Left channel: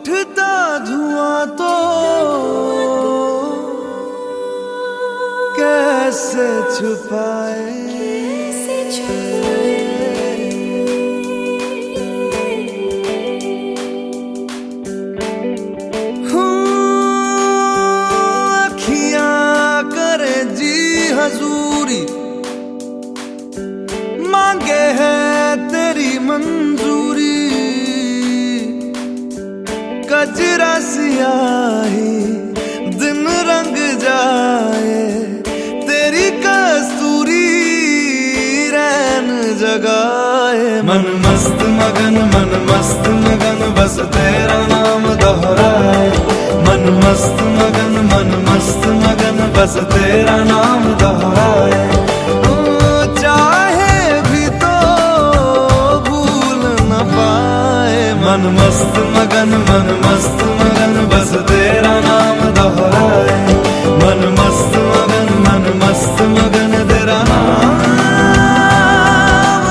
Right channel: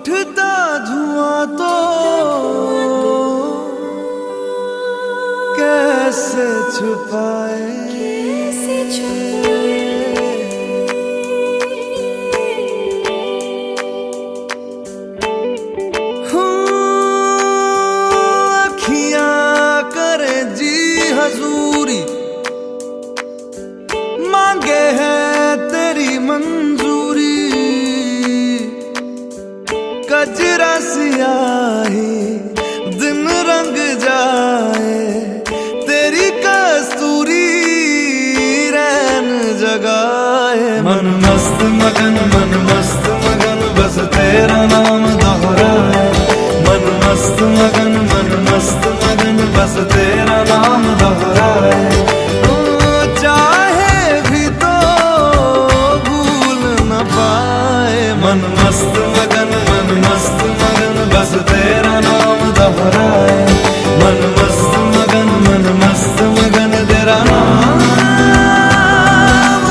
उठता धुआं तो कैसे छुपाए, अखियां करे जी हजूरी, मांगे है तेरी मंजूरी। कजरा सियाही दिन रंग जाए, तेरी कस्तूरी रैन जगाए। मन मस्त मगन बस तेरा नाम दोहराए। मन मस्त मगन बस तेरा नाम दोहराए। चाहे भी तो भूल न पाए। मन मस्त मगन बस तेरा नाम दोहराए। मन मस्त मगन तेरा नाम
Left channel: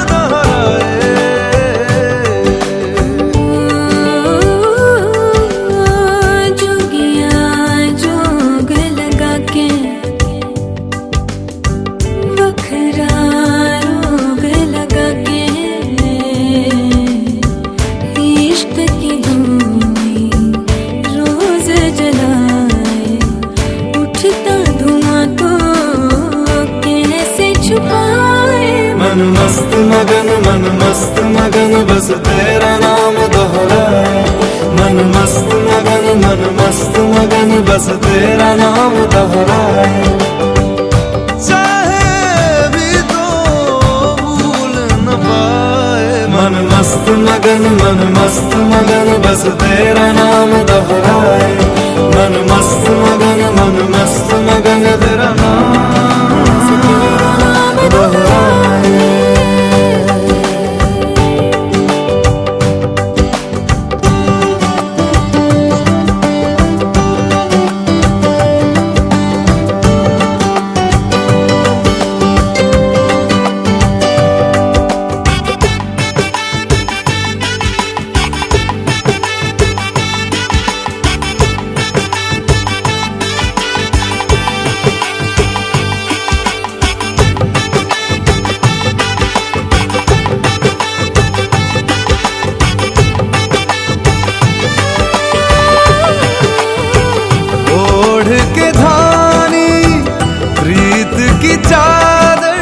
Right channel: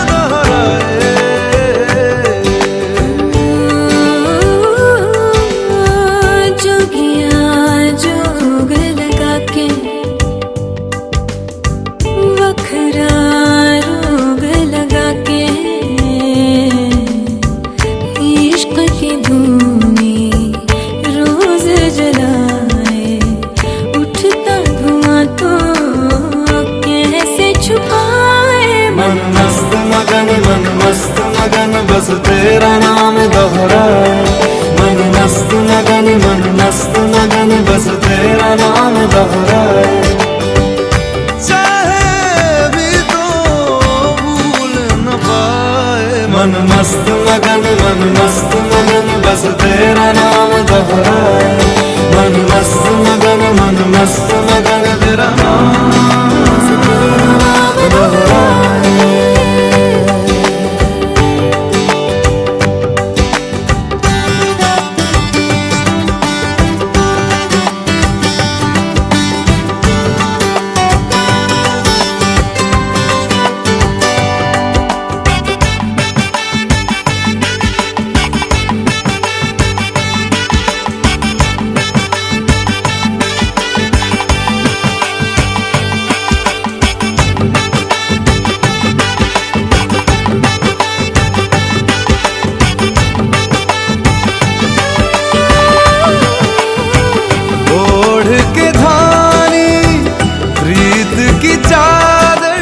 दोहराए। जोगिया जोग लगा के वखरा रोग लगा के, इश्क की धूनी रोज जलाए। उठता धुआं तो कैसे छुपाए। मन मस्त मगन बस तेरा नाम दोहराए। मन मस्त मगन बस तेरा नाम दोहराए। चाहे भी तो भूल न पाए। मन मस्त मगन बस तेरा नाम दोहराए। मन मस्त मगन तेरा नाम दोहराए। ओढ़ के धानी प्रीत की चादर।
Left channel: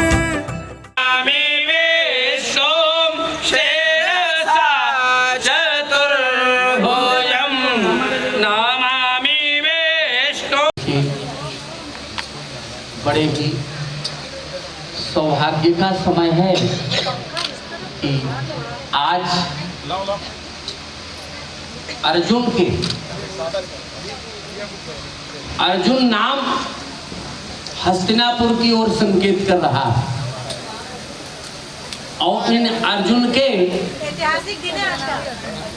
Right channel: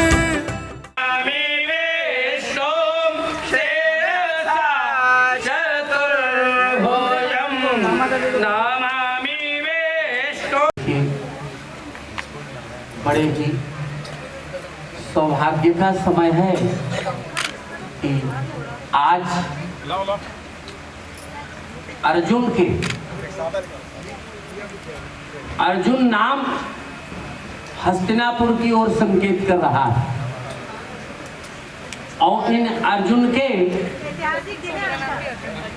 बड़े ही सौभाग्य का समय है कि आज अर्जुन नाम हस्तिनापुर की ओर संकेत कर रहा है। और इन अर्जुन के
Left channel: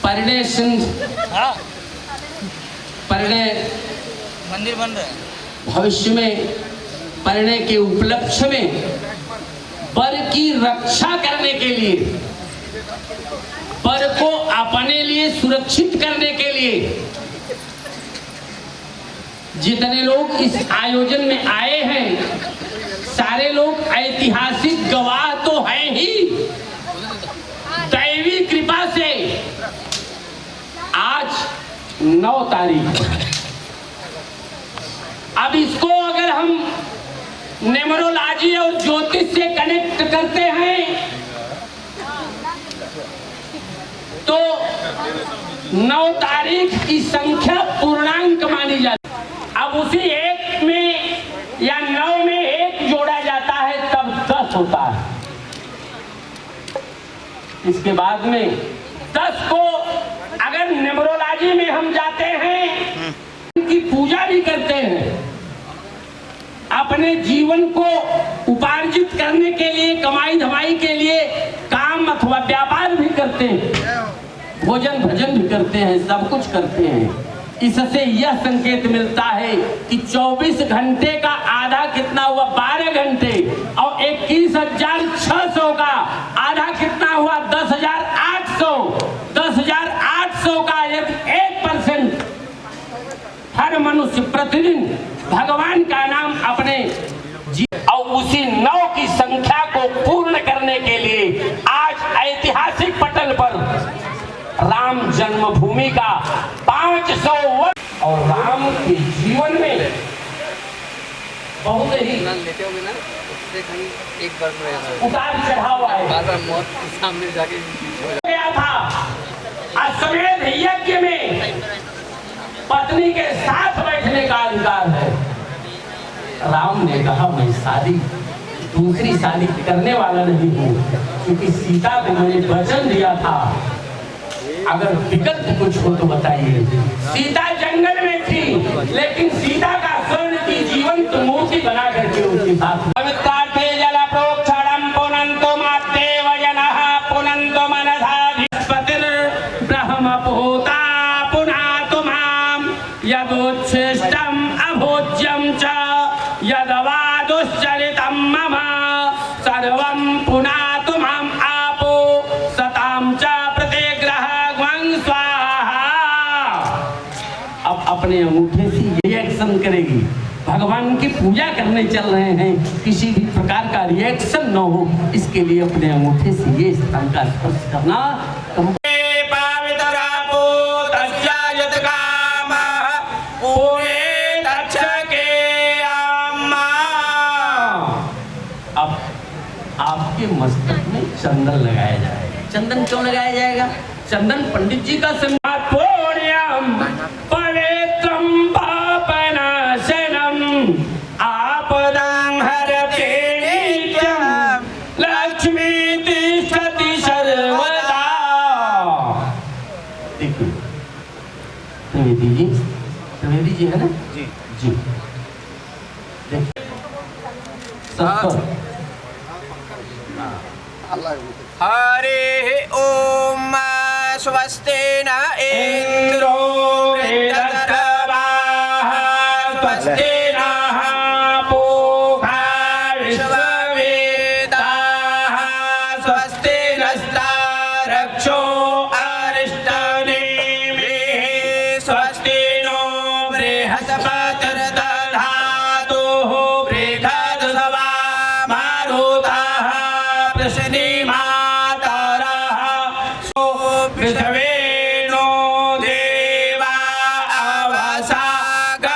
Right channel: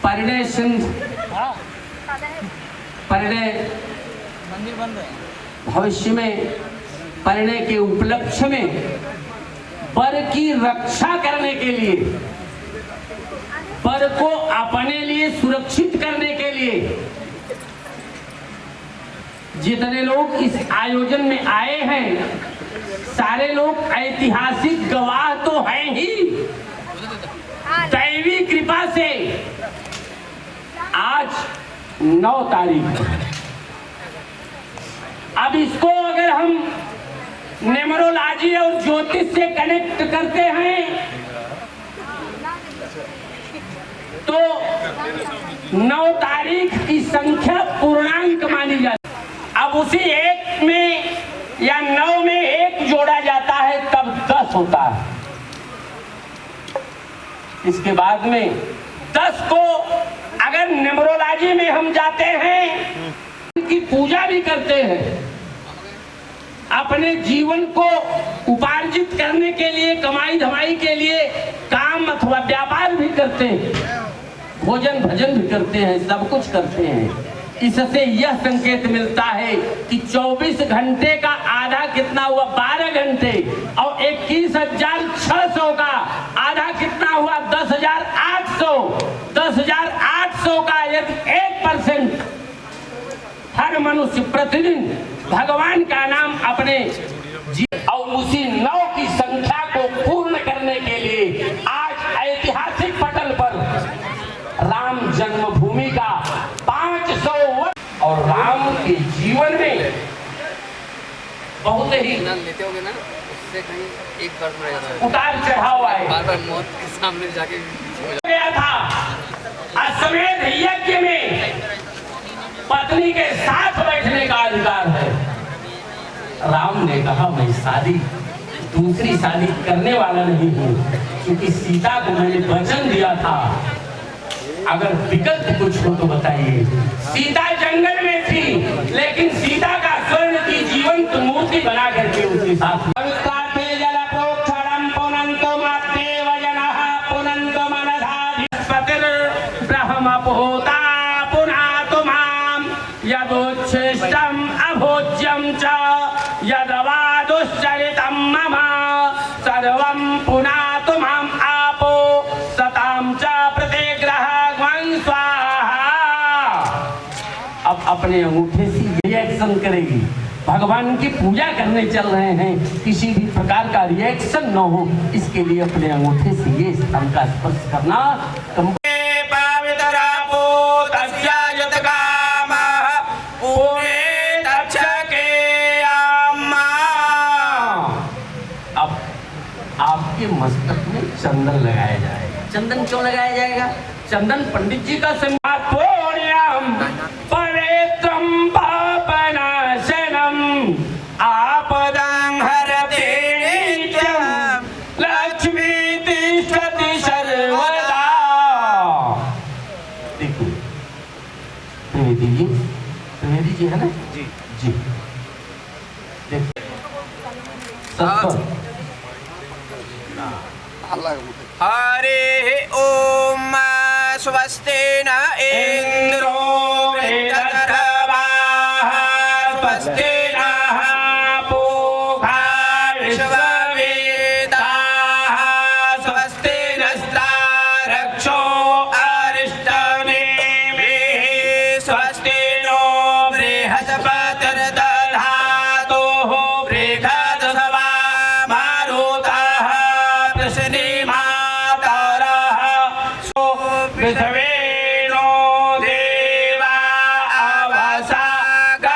परिणय भविष्य में परिणय के उपलक्ष्य में वर की रक्षा करने के लिए, वर को अपने लिए सुरक्षित करने के लिए जितने लोग इस आयोजन में आए हैं, सारे लोग ऐतिहासिक गवाह तो हैं ही। दैवी कृपा से आज 9 तारीख, अब इसको अगर हम न्यूमरोलॉजी और ज्योतिष से कनेक्ट करते हैं तो 9 तारीख की संख्या पूर्णांक मानी जाती। अब उसी 1 में या 9 में 1 जोड़ा जाता है तब 10 होता है। इसके बाद में 10 को अगर न्यूमरोलॉजी में हम जाते हैं, उनकी पूजा भी करते हैं, अपने जीवन को उपार्जित करने के लिए, कमाई धमाई के लिए काम अथवा व्यापार भी करते हैं, भोजन भजन भी करते हैं, सब कुछ करते हैं। इससे यह संकेत मिलता है कि 24 घंटे का आधा कितना हुआ? 12 घंटे। और 21,600 का आधा कितना हुआ? 10,800। 10,800 का यदि 1% मनुष्य प्रतिदिन भगवान का नाम अपने और उसी 9 की संख्या को पूर्ण करने के लिए आज ऐतिहासिक पटल पर राम जन्मभूमि का 500 वर्ष और राम के जीवन में बहुत ही लेते होंगे ना, उससे कहीं एक बार में जाता है, उतार चढ़ाव आए, बार मौत के सामने जाके गया था। अश्वमेध यज्ञ में पत्नी के साथ बैठने का अधिकार है। राम ने कहा मैं दूसरी शादी करने वाला नहीं हूँ, क्योंकि सीता को मैंने वचन दिया था। अगर विकल्प कुछ हो तो बताइए। सीता जंगल में थी, लेकिन सीता का स्वर्ण की जीवंत मूर्ति बना करके उसके साथ यदोच्छिष्टम अभोज्यम च यदवादुश्चरितम मम सर्वं पुनातु माम आपो सताम च प्रतिग्रहं स्वाहा। अब अपने अंगूठे से रिएक्शन करेगी। भगवान की पूजा करने चल रहे हैं, किसी भी प्रकार का रिएक्शन न हो, इसके लिए अपने अंगूठे से ये स्थान का स्पर्श करना। अब आपके मस्तक में चंदन लगाया जाएगा। चंदन क्यों लगाया जाएगा? चंदन पंडित जी का सम्मानम पवित्रम पापनाशनम आपदां हरते नित्यं लक्ष्मी तिष्ठति सर्वदा। देखिए त्रिवेदी जी है ना जी जी। देखिए हरे ओम स्वस्ति न इंद्रो वृद्धधर्माः स्वस्ति नः पूषा विश्ववेदाः स्वस्ति नस्तारक्षो अरिष्टनेमिः स्वस्ति नो बृहस्पतिर्दधातु बृहद्सवा मारुताः पृथ्वीनो देवा अवसागमने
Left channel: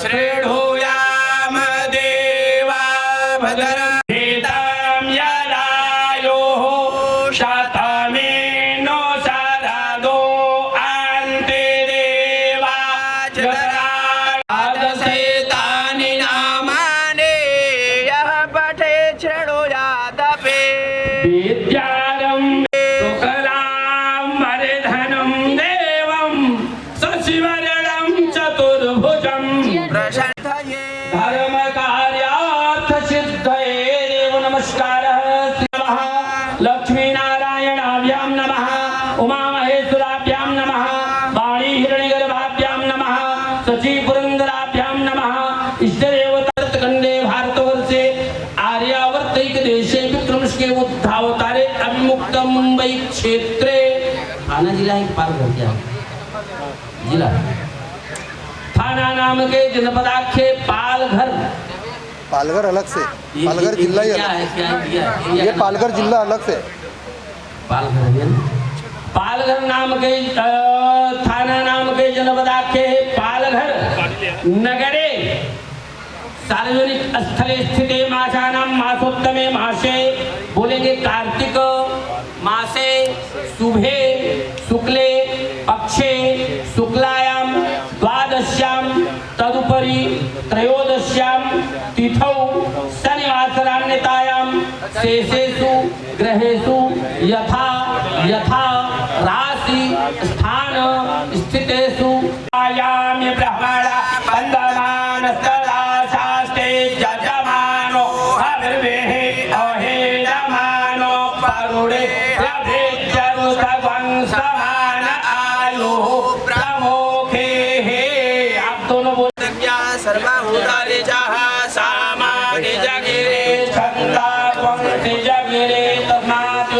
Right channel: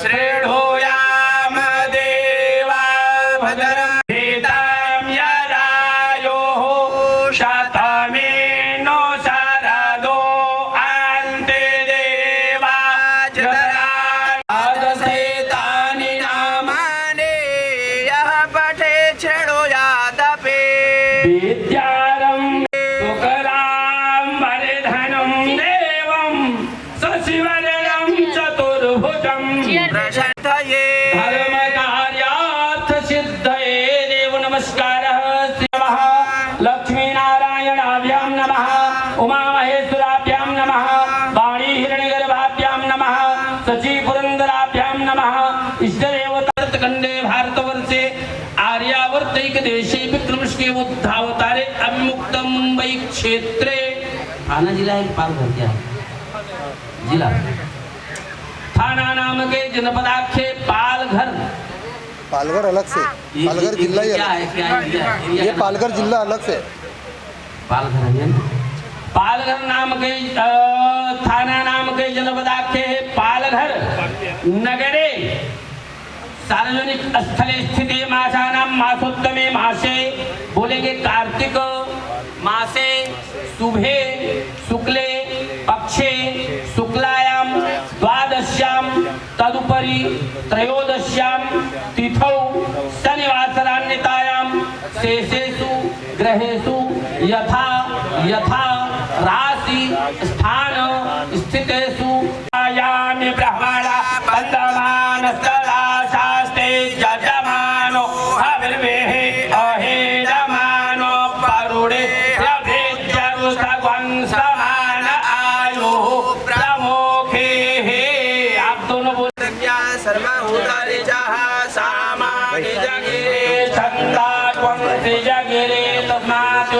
श्रेणुयाम देवा भद्रं यदायोः शतमेनो शरदो अन्ते देवा चतुर्दशेतानि नामानि यः पठे श्रेणुयादपि धर्म कार्यार्थ सिद्धये देव नमस्कारः शिवः लक्ष्मी नारायणाभ्यां नमः उमा महेश्वराभ्यां नमः वाणी हिरण्यगर्भाभ्यां नमः शची पुरंदराभ्यां नमः इष्टदेवतार्तकंडे भारतवर्षे आर्यावर्तैक देशे विक्रमशके उद्धावतारे अभिमुक्त मुंबई क्षेत्रे थाना जिला एक पालघर क्या जिला थाना नाम के जनपदाख्ये पालघर। पालघर अलग से, पालघर जिला ही अलग है। ये पालघर जिला अलग से पालघर है ना? पालघर नाम के थाना नाम के जनपदाख्ये पालघर नगरे सार्वजनिक स्थले स्थिते मासानां मासोत्तमे मासे बोलेंगे कार्तिक मासे शुभे शुक्ले पक्षे शुक्लायां द्वादश्यां तदुपरि त्रयोदश्यां तिथौ शनिवासरान्यतायां शेषेषु ग्रहेषु यथा यथा राशि स्थान स्थितेषु आयाम्य ब्रह्मणा बन्धमान सदा शास्ते यजमानो हविर्वेः अहेडमानो परुणे प्रभेद्यरु सगं समान आयुः प्रमुखे। आप दोनों बोलते सर्वभूतानि जः सामानि जगिरे छन्दा त्वं जगिरे तस्मात्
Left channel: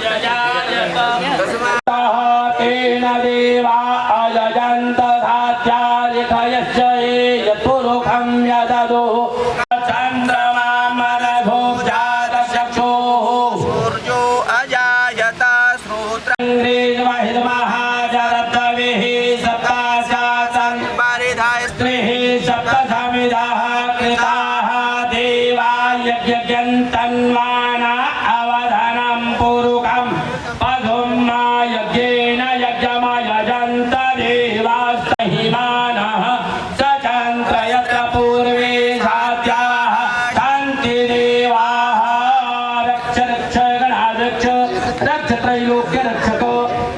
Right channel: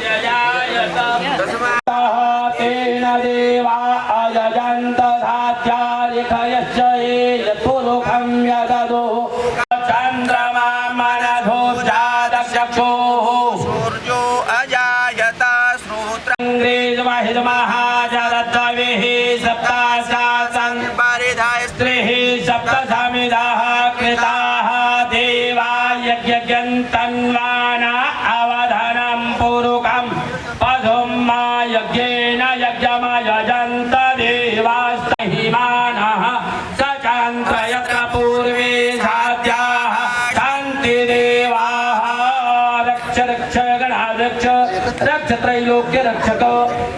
जयायत तस्मात् तेन देवा अजन्त तन्वाना अवधानं पूरुकं पदुं मा यज्ञेन यज्ञमयजन्त देवास्तहिमानः सचन्त यत्र पूर्वे साध्याः सन्ति देवाः रक्ष रक्ष गणाध्यक्ष रक्ष त्रैलोक्य रक्षक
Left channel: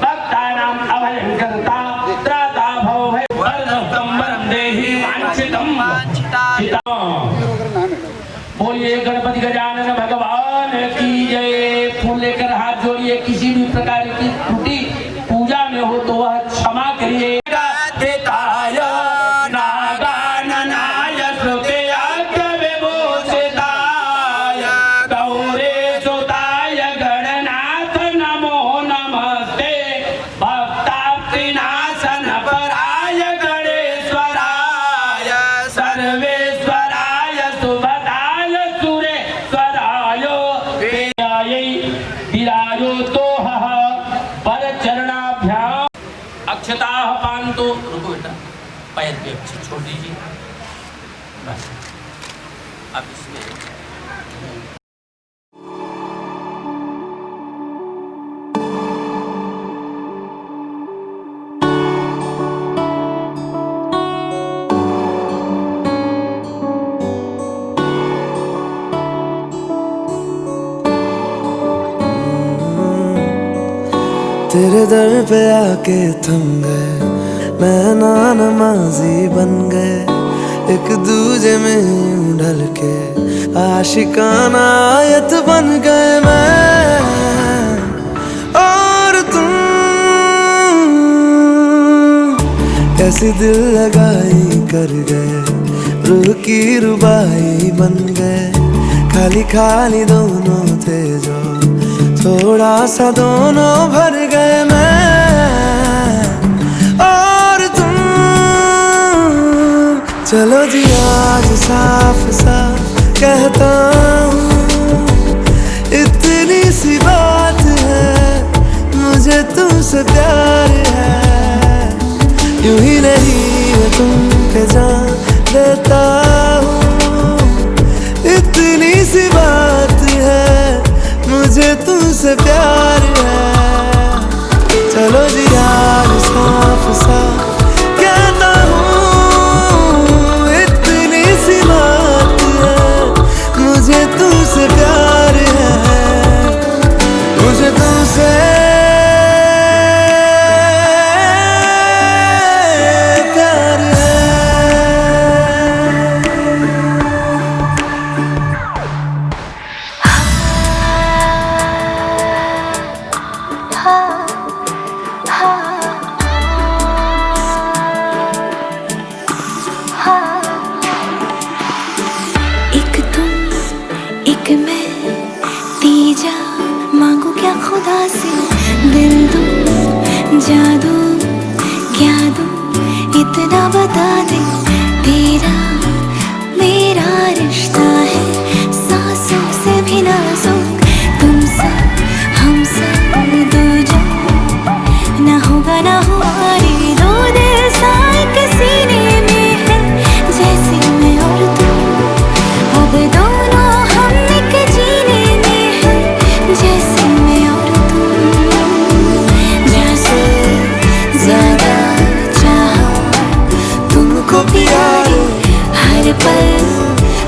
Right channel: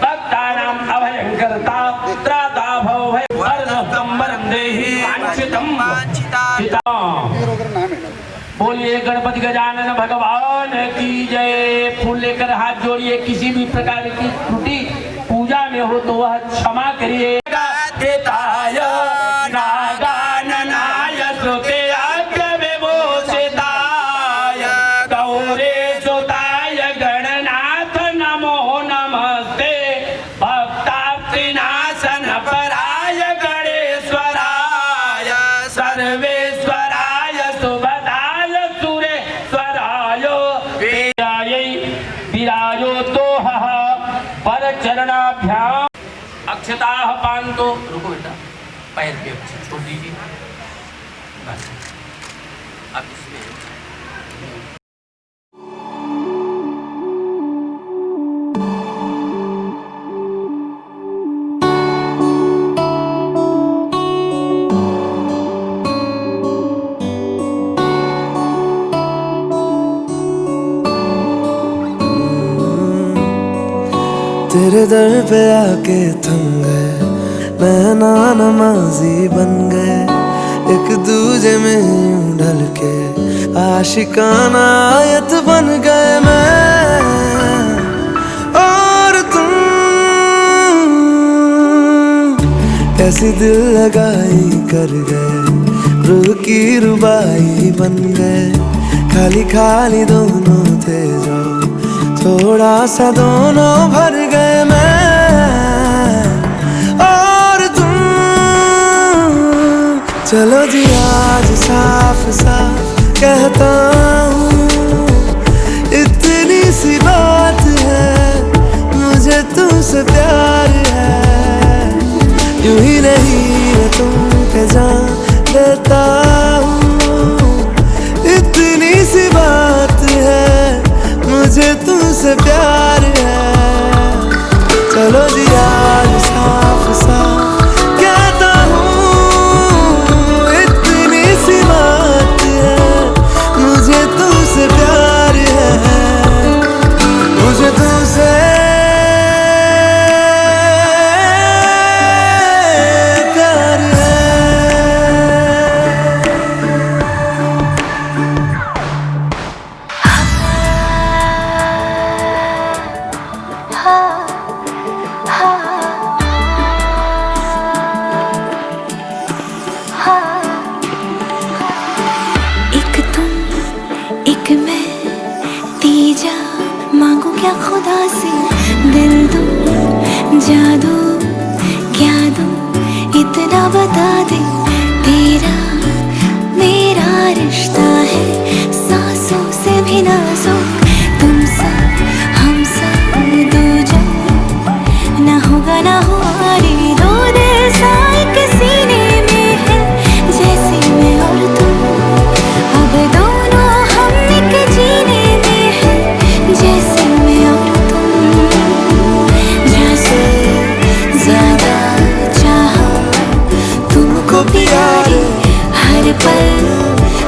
भक्तानाम् अभयङ्कर्ता त्राता भव वरदं वरं देहि वाञ्छितं बोलिए गणपति गजानन भगवान की जय। फूल लेकर हाथ जोड़िए। किसी भी प्रकार की त्रुटि पूजा में हो तो वह क्षमा करिए। देताय नागाननाय श्रुतेयाज्ञ विभूषिताय गौरे सुताय गणनाथ नमो नमस्ते भक्ताप्तिनाशन पराय गणेश्वराय सर्वेश्वराय सुभदाय सुरेश्वराय विरायो तो पर चरणाभ्याम अक्षता पान तो रुको बेटा पैर के अक्षत छोड़ दीजिए बस अब इसमें तेरे दर पे आके थम गए नैना नमाजी बन गए एक दूजे में यूं ढल के आशिकाना आयत बन गए मैं और तुम कैसी दिल लगाई कर गए रूह की रुबाई बन गए खाली खाली दोनों थे जो थोड़ा सा दोनों भर गए मैं और तुम चलो जी आज साफ साफ कहता हूँ इतनी सी बात है मुझे तुमसे प्यार है यूं ही नहीं मैं तुम पे जान देता हूँ इतनी सी बात है मुझे तुमसे प्यार है चलो जी आज साफ साफ कहता हूँ इतनी सी बात है मुझे तुमसे प्यार है मुझे तुमसे प्यार है एक तुम एक मैं तीजा मांगू क्या खुदा से दिल दूं जादू क्या दूं इतना बता दे तेरा मेरा रिश्ता है सांसों से भी नाजुक तुम सब हम सब दो जग ना होगा ना हमारी दो दिल साए के सीने में है जैसे मैं और तुम अब दोनों हम एक जीने में है जैसे मैं और तुम जैसे ज्यादा चाहा तुमको प्यारे हर पल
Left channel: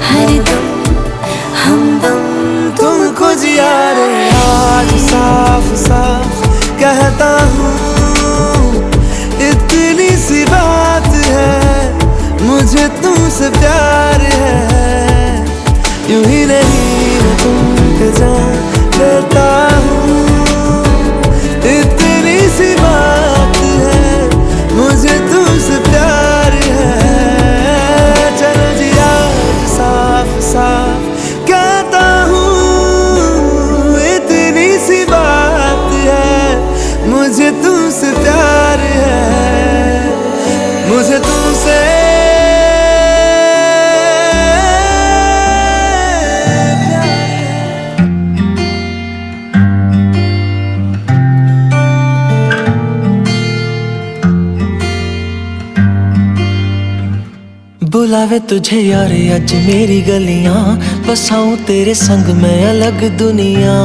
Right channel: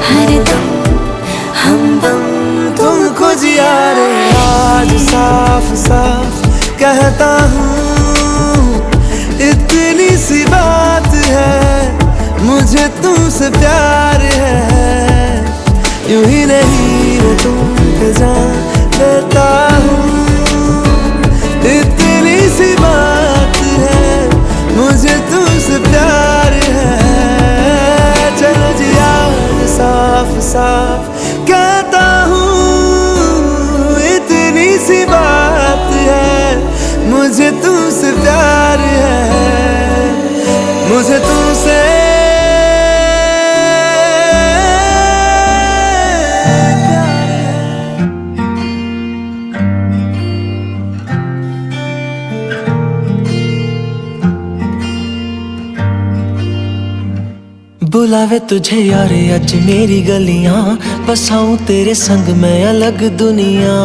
हर दम हमदम तुमको जिया रे आज साफ साफ कहता हूँ इतनी सी बात है मुझे तुमसे प्यार है यूं ही नहीं मैं तुम पे जान देता हूँ इतनी सी बात है मुझे तुमसे प्यार है चलो जी आज साफ साफ कहता हूँ इतनी सी बात है मुझे तुमसे प्यार है मुझे तुमसे प्यार है बुलावे तुझे यारे अज मेरी गलियां, बसाऊं तेरे संग मैं अलग दुनिया।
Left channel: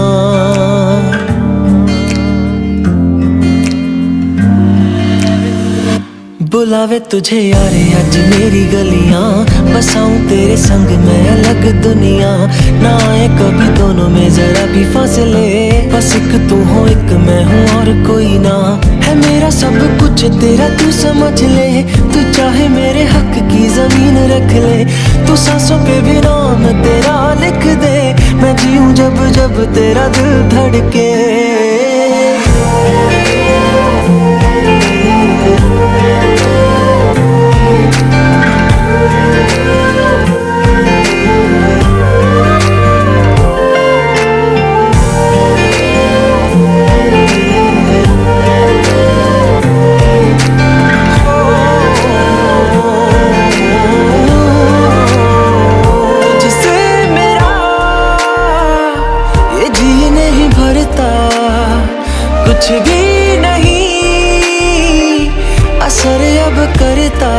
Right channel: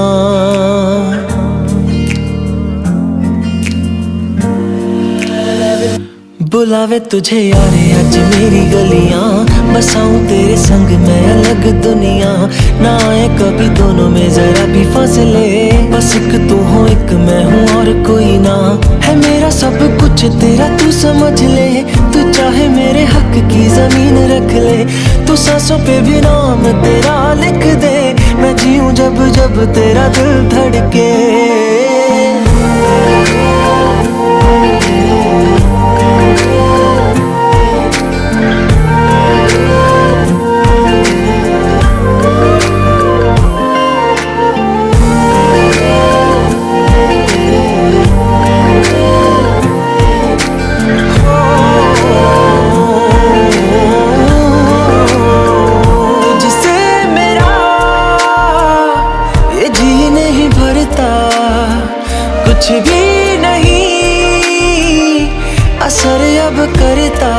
बुलावे तुझे यारे अज मेरी गलियां, बसाऊं तेरे संग मैं अलग दुनिया। ना आए कभी दोनों में जरा भी फासले, बस एक तू हो एक मैं हूँ और कोई ना। है मेरा सब कुछ तेरा तू समझ ले, तू चाहे मेरे हक की जमीन रख ले। तू सांसों पे भी नाम तेरा लिख दे, मैं जीऊं जब जब तेरा दिल धड़के। कुछ भी नहीं असर अब करता,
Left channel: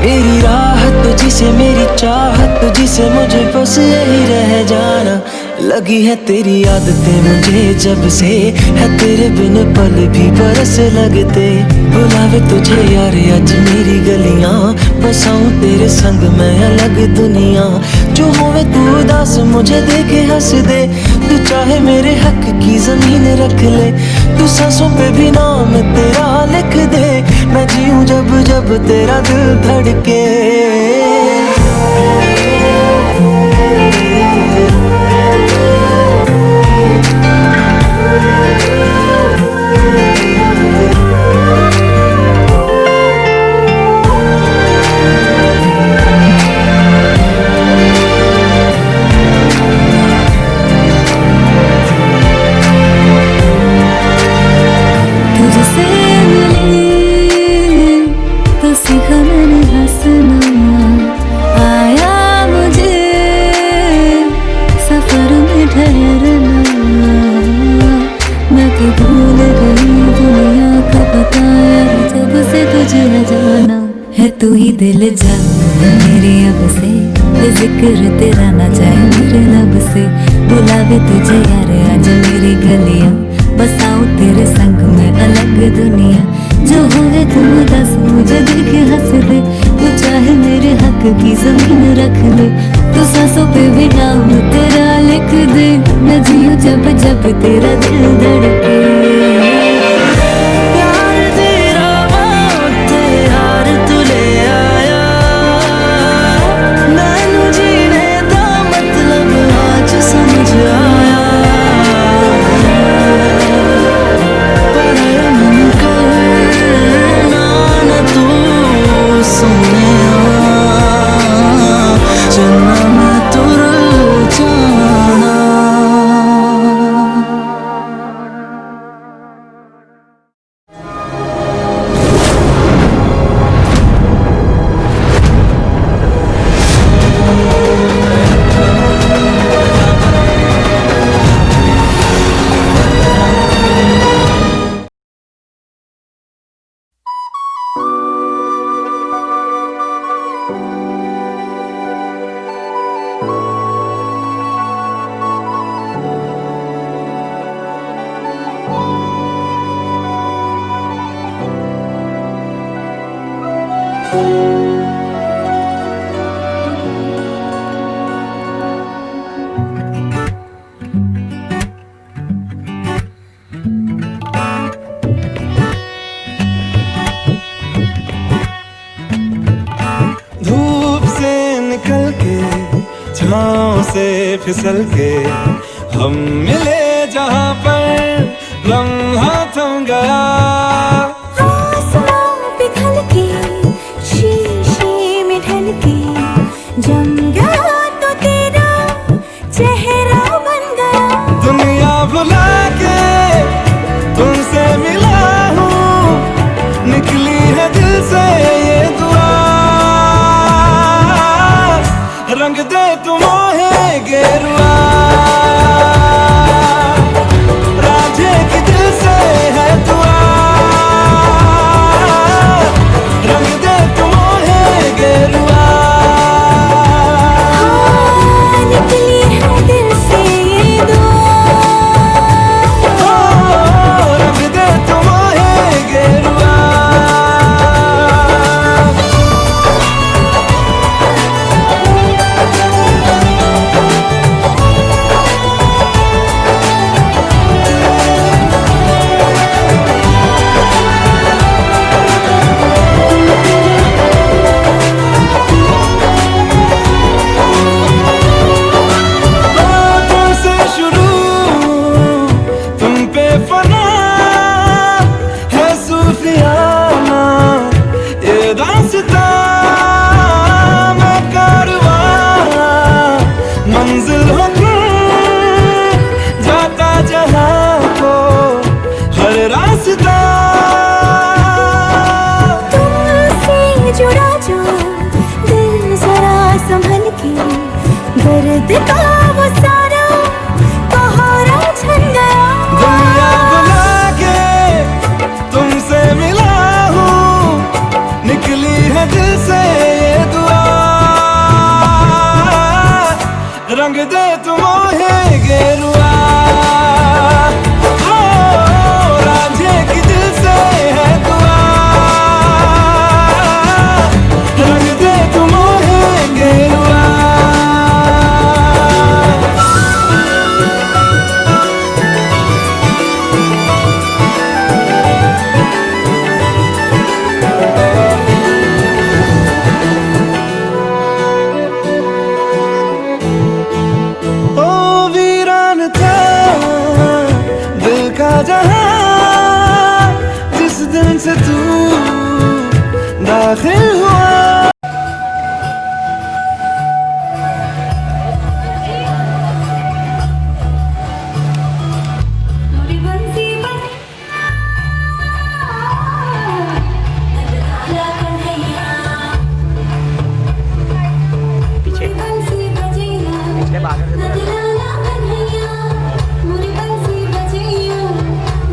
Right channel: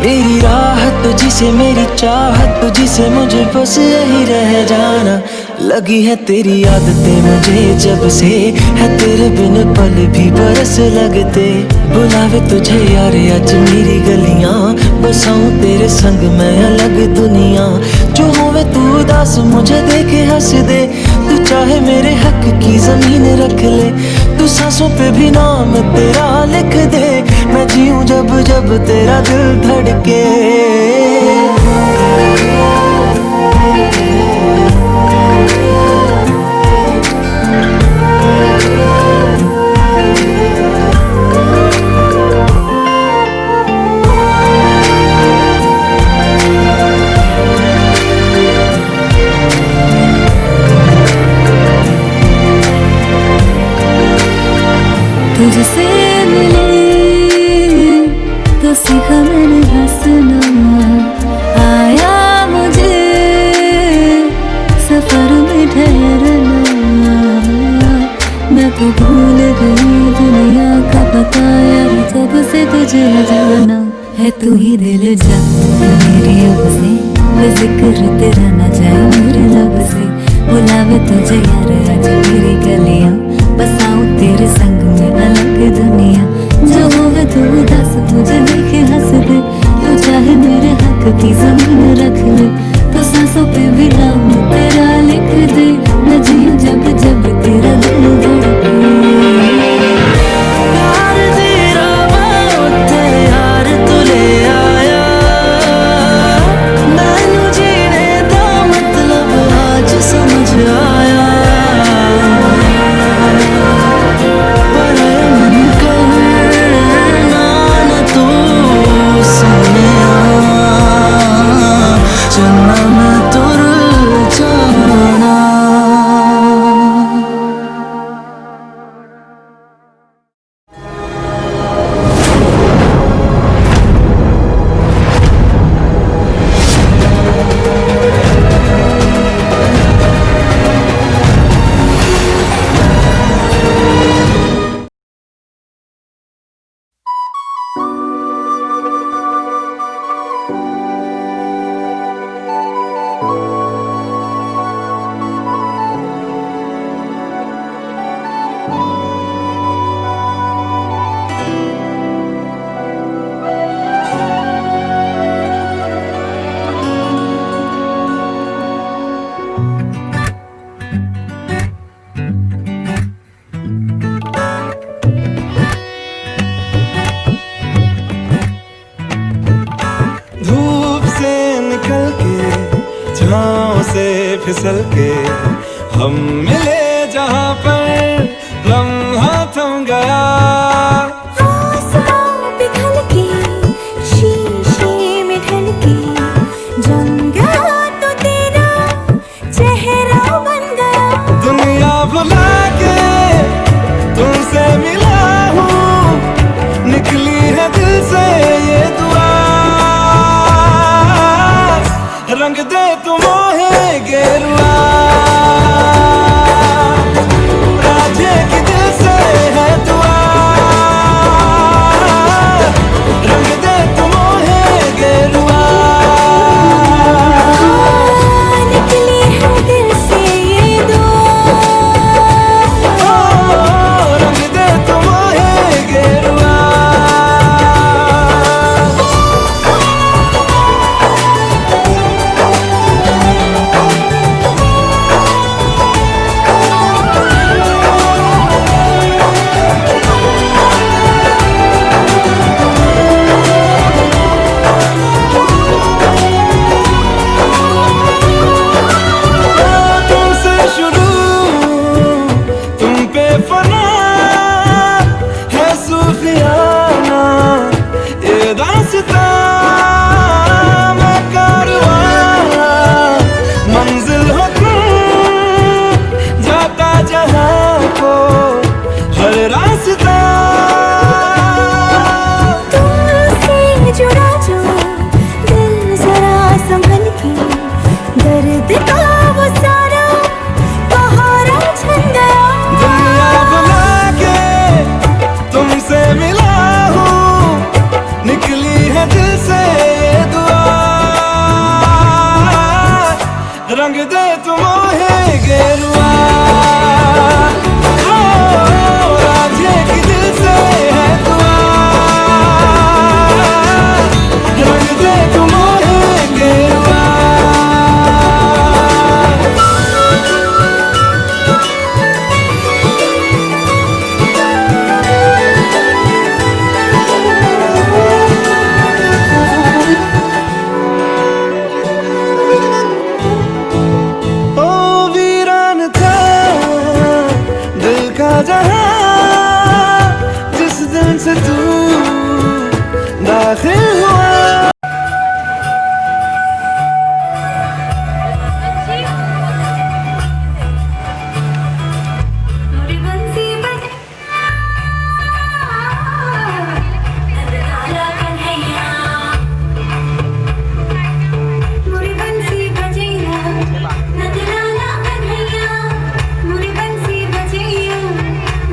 मेरी राहत तुझसे मेरी चाहत तुझसे, मुझे बस यही रह जाना। लगी है तेरी आदतें मुझे जब से, है तेरे बिन पल भी बरस लगते। बुलावे तुझे यार आज मेरी गलियां, बसाऊं तेरे संग मैं अलग दुनिया। जो होवे तू उदास मुझे देखे हंस दे, तू चाहे मेरे हक की जमीन रख ले। तू सांसों पे भी नाम तेरा लिख दे, मैं जीऊं जब जब तेरा दिल धड़के। तुझसे मिले तो सीखा मैंने हंसना, आया मुझे सफर में ठहरना। मैं तो भूल गई दुनिया का पता यार, जब से तुझे जाना है। तू ही दिल जा मेरी अब से, जिक्र तेरा ना जाए मेरे लब से। बुलावे तुझे यार आज मेरी गलियां, बसाऊं तेरे संग में अलग दुनिया। जो हो है तू दस मुझे देखे हंस दे, तू चाहे मेरे हक की जमीन रख ले। तो सांसों पे भी नाम तेरा लिख दे, मैं जीऊं जब जब तेरा दिल धड़के। प्यार तेरा वास्ते यार तू ले आया, मैनू जीने दा मतलब आज समझ आया। धूप से निकल के छाँव से फिसल के, हम मिले जहाँ पर लम्हा थम गया। आसमां पिघल के शीशे में ढल के, जम गया तो तेरा चेहरा बन गया। दुनिया भुला के तुमसे मिला हूँ, निकली है दिल से ये दुआ। रंग दे तुम मोहे गेरुआ, राधे की दिल से है दुआ। रंग दे तुम मोहे रास्ता तुमसे जुड़ा जो दिल जरा संभल के, दर्द का वो सारा कहारा छन गया। दुनिया बुला के तुमसे मिला हूँ, निकली है दिल से ये दुआ, रंग दे तुम मोहे गेरुआ। ओ रांझे की दिल से है दुआ, रंग दे तुम मोहे गेरुआ। ओ वीरान था दिल का जहां, जिस दिन से तू दाखिल हुआ। मोरी बंसी बजे नजराना कन्हैया, मोरी बंसी बजैया नजराना कन्हैया, मोरी बंसी बजैया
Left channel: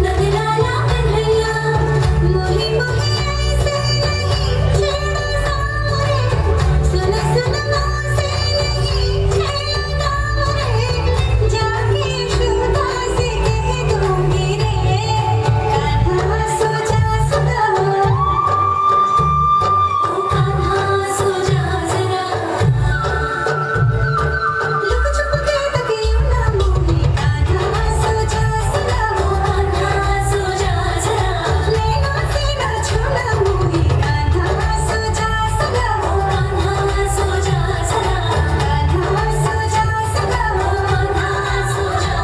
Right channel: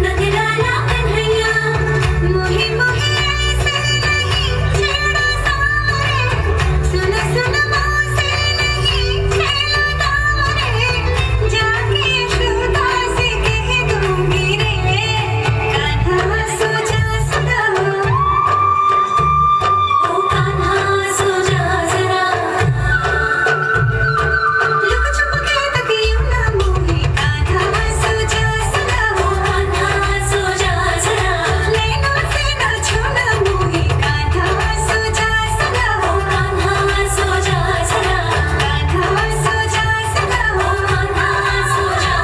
नजराना कन्हैया। मोही मोही ऐसे नहीं छेड़ा सावरे, सुन सुन मोसे नहीं छेड़ा दावरे, जाके यशोदा से कह दूंगी रे, कान्हा सो जा सदा, ओ कान्हा सो जा जरा, लुक छुप के तकियों ना मोही, कान्हा सो जा सदा, ओ कान्हा सो जा जरा, नैनों से ना छूना मोही, कान्हा सो जा सदा, ओ कान्हा सो जा जरा, कान्हा सो जा सदा, ओ कान्हा सो जा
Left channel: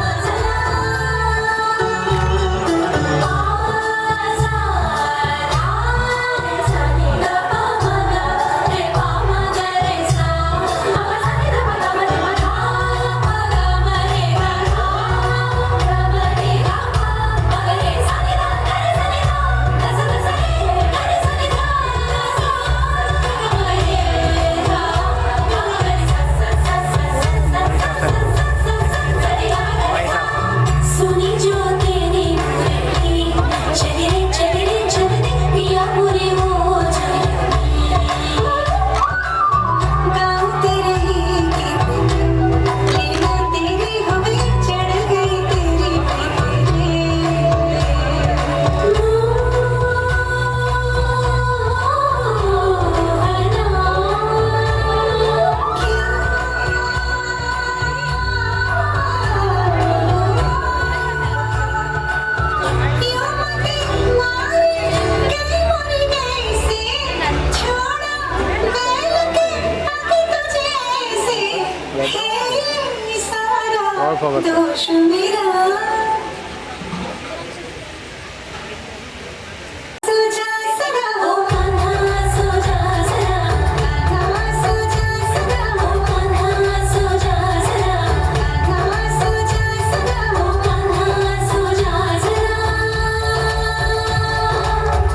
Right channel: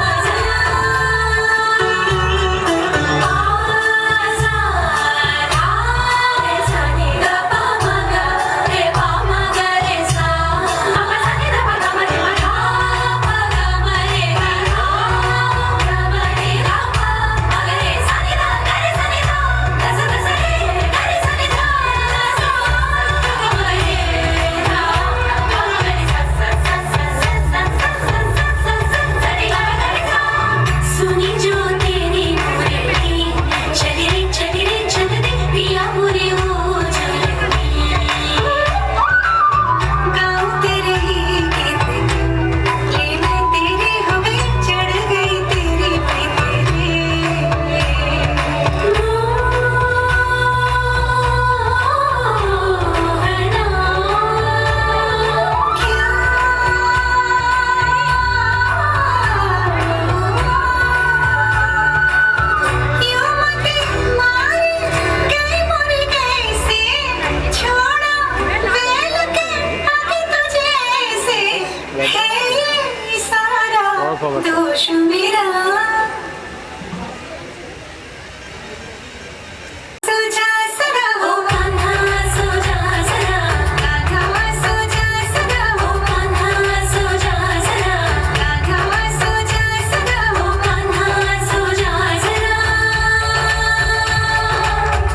सुनी जो तेरी मुरली, चगरे चगरे चगरे पिया पूरी हो चगरे, गाँव तेरे ही गीत, लेने तेरे हवे चढ़ गई तेरी दोष मेरा सुजा सदा, ओ कान्हा सुजा सदा, कान्हा सुजा सदा, ओ कान्हा सुजा सदा, कान्हा सुजा सदा, ओ कान्हा सुजा सदा।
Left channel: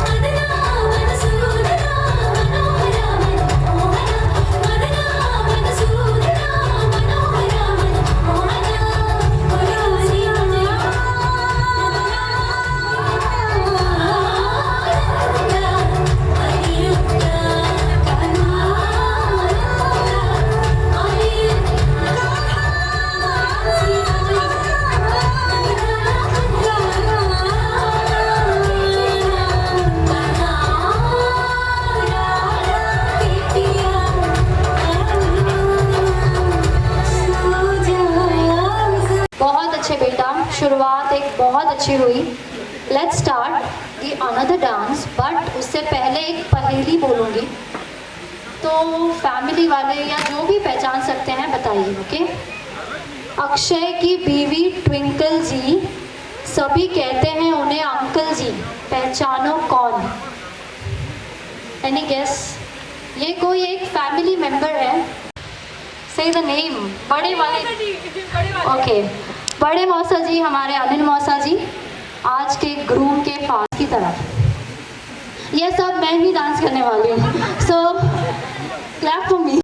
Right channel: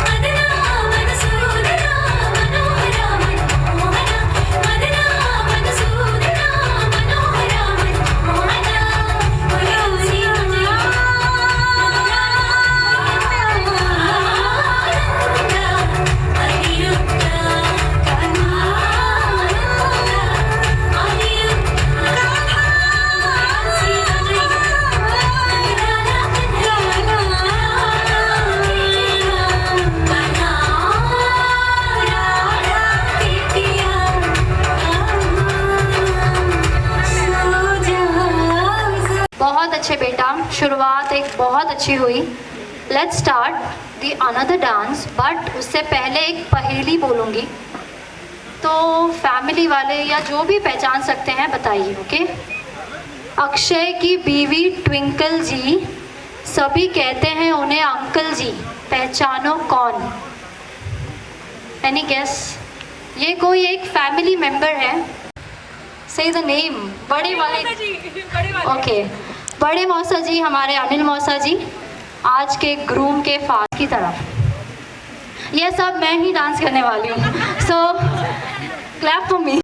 मदना मनसूदना मनोहरा मनमोहना, मदना मनसूदना मनोहरा मनमोहना, रोजी बहुत अच्छे बेटा, शुरुआत एक बहुत अच्छी हुई। Let's start the another dance, but उससे पहले एक पहेली बोलूँगी, तो फैमिली वाले या जो भी पहचान सकते हैं बताइए। ओके। अक्षय की बीवी ट्विंकल जी, सभी कहते हैं उन्हें अंकल जी, पहचानो कौन? Any guess? ये कोई एक फैमिली मेंबर है। से द नेम। बड़े वाले, ओके, बड़े मौसा जी हमारे अनिल मौसा जी, आज के ग्रूम के फादर की तरफ। ये सब मैं ही डांस करने वाली हूँ, सो क्लैप फॉर मी।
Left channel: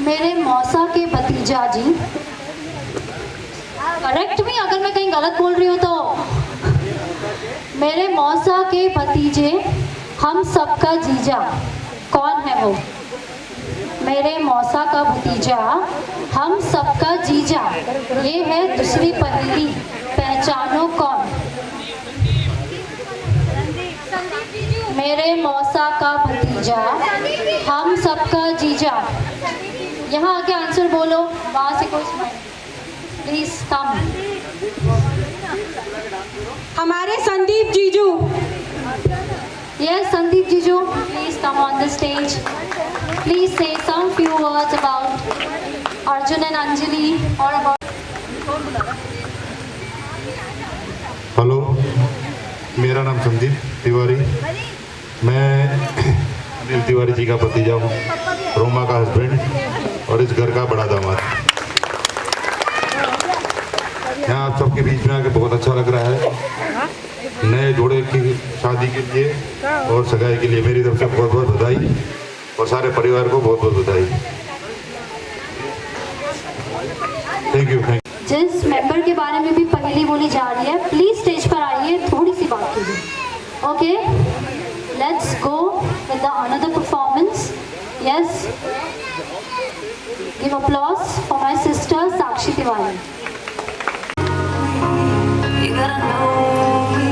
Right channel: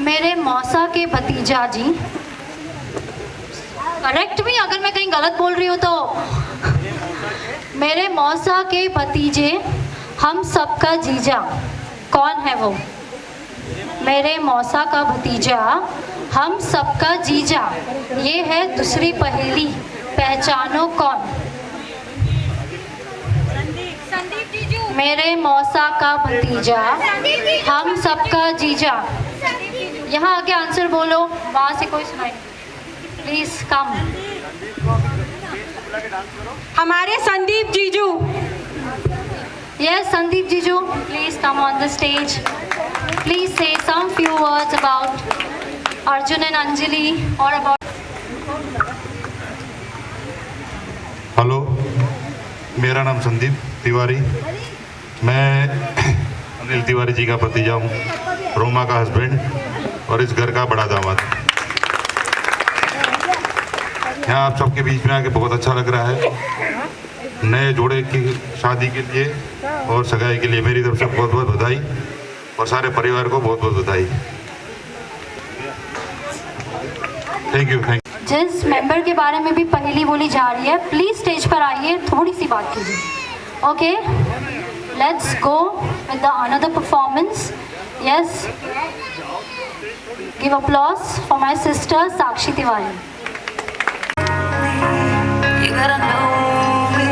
मेरे मौसा के भतीजा जी, करेक्ट मी अगर मैं कहीं गलत बोल रही हूँ तो। मेरे मौसा के भतीजे, हम सबका जीजा, कौन है वो? मेरे मौसा का भतीजा, हम सबका जीजा, ये है दूसरी पहेली, पहचानो कौन? मेरे मौसा का भतीजा, हम सबका जीजा। यहाँ आके आंसर बोलो, वहाँ से कोई स्माइल प्लीज कम। हमारे संदीप जीजू। Yes Sandeep jiju, please come on the stage. Please say some few words about Arjun and Anjali और अबाउट। हेलो, मेरा नाम संदीप तिवारी, मैं अनिल तिवारी जी का भतीजा हूँ, रोमा का हस्बैंड और इस घर का बड़ा दामाद। यहाँ आप सबके बीच में आके बहुत अच्छा लग रहा है। नए जोड़े की शादी के लिए और सगाई के लिए मेरी तरफ से बहुत बहुत बधाई और सारे परिवार को बहुत बहुत बधाई। Thank you. जिस मेंबर के बारे में भी पहेली बोली जा रही है, प्लीज स्टेज पर आइए, थोड़ी सी बात कीजिए। Okay, let's go with the another performance. Yes, give applause for my sister Sakshi Tiwari. You gotta know me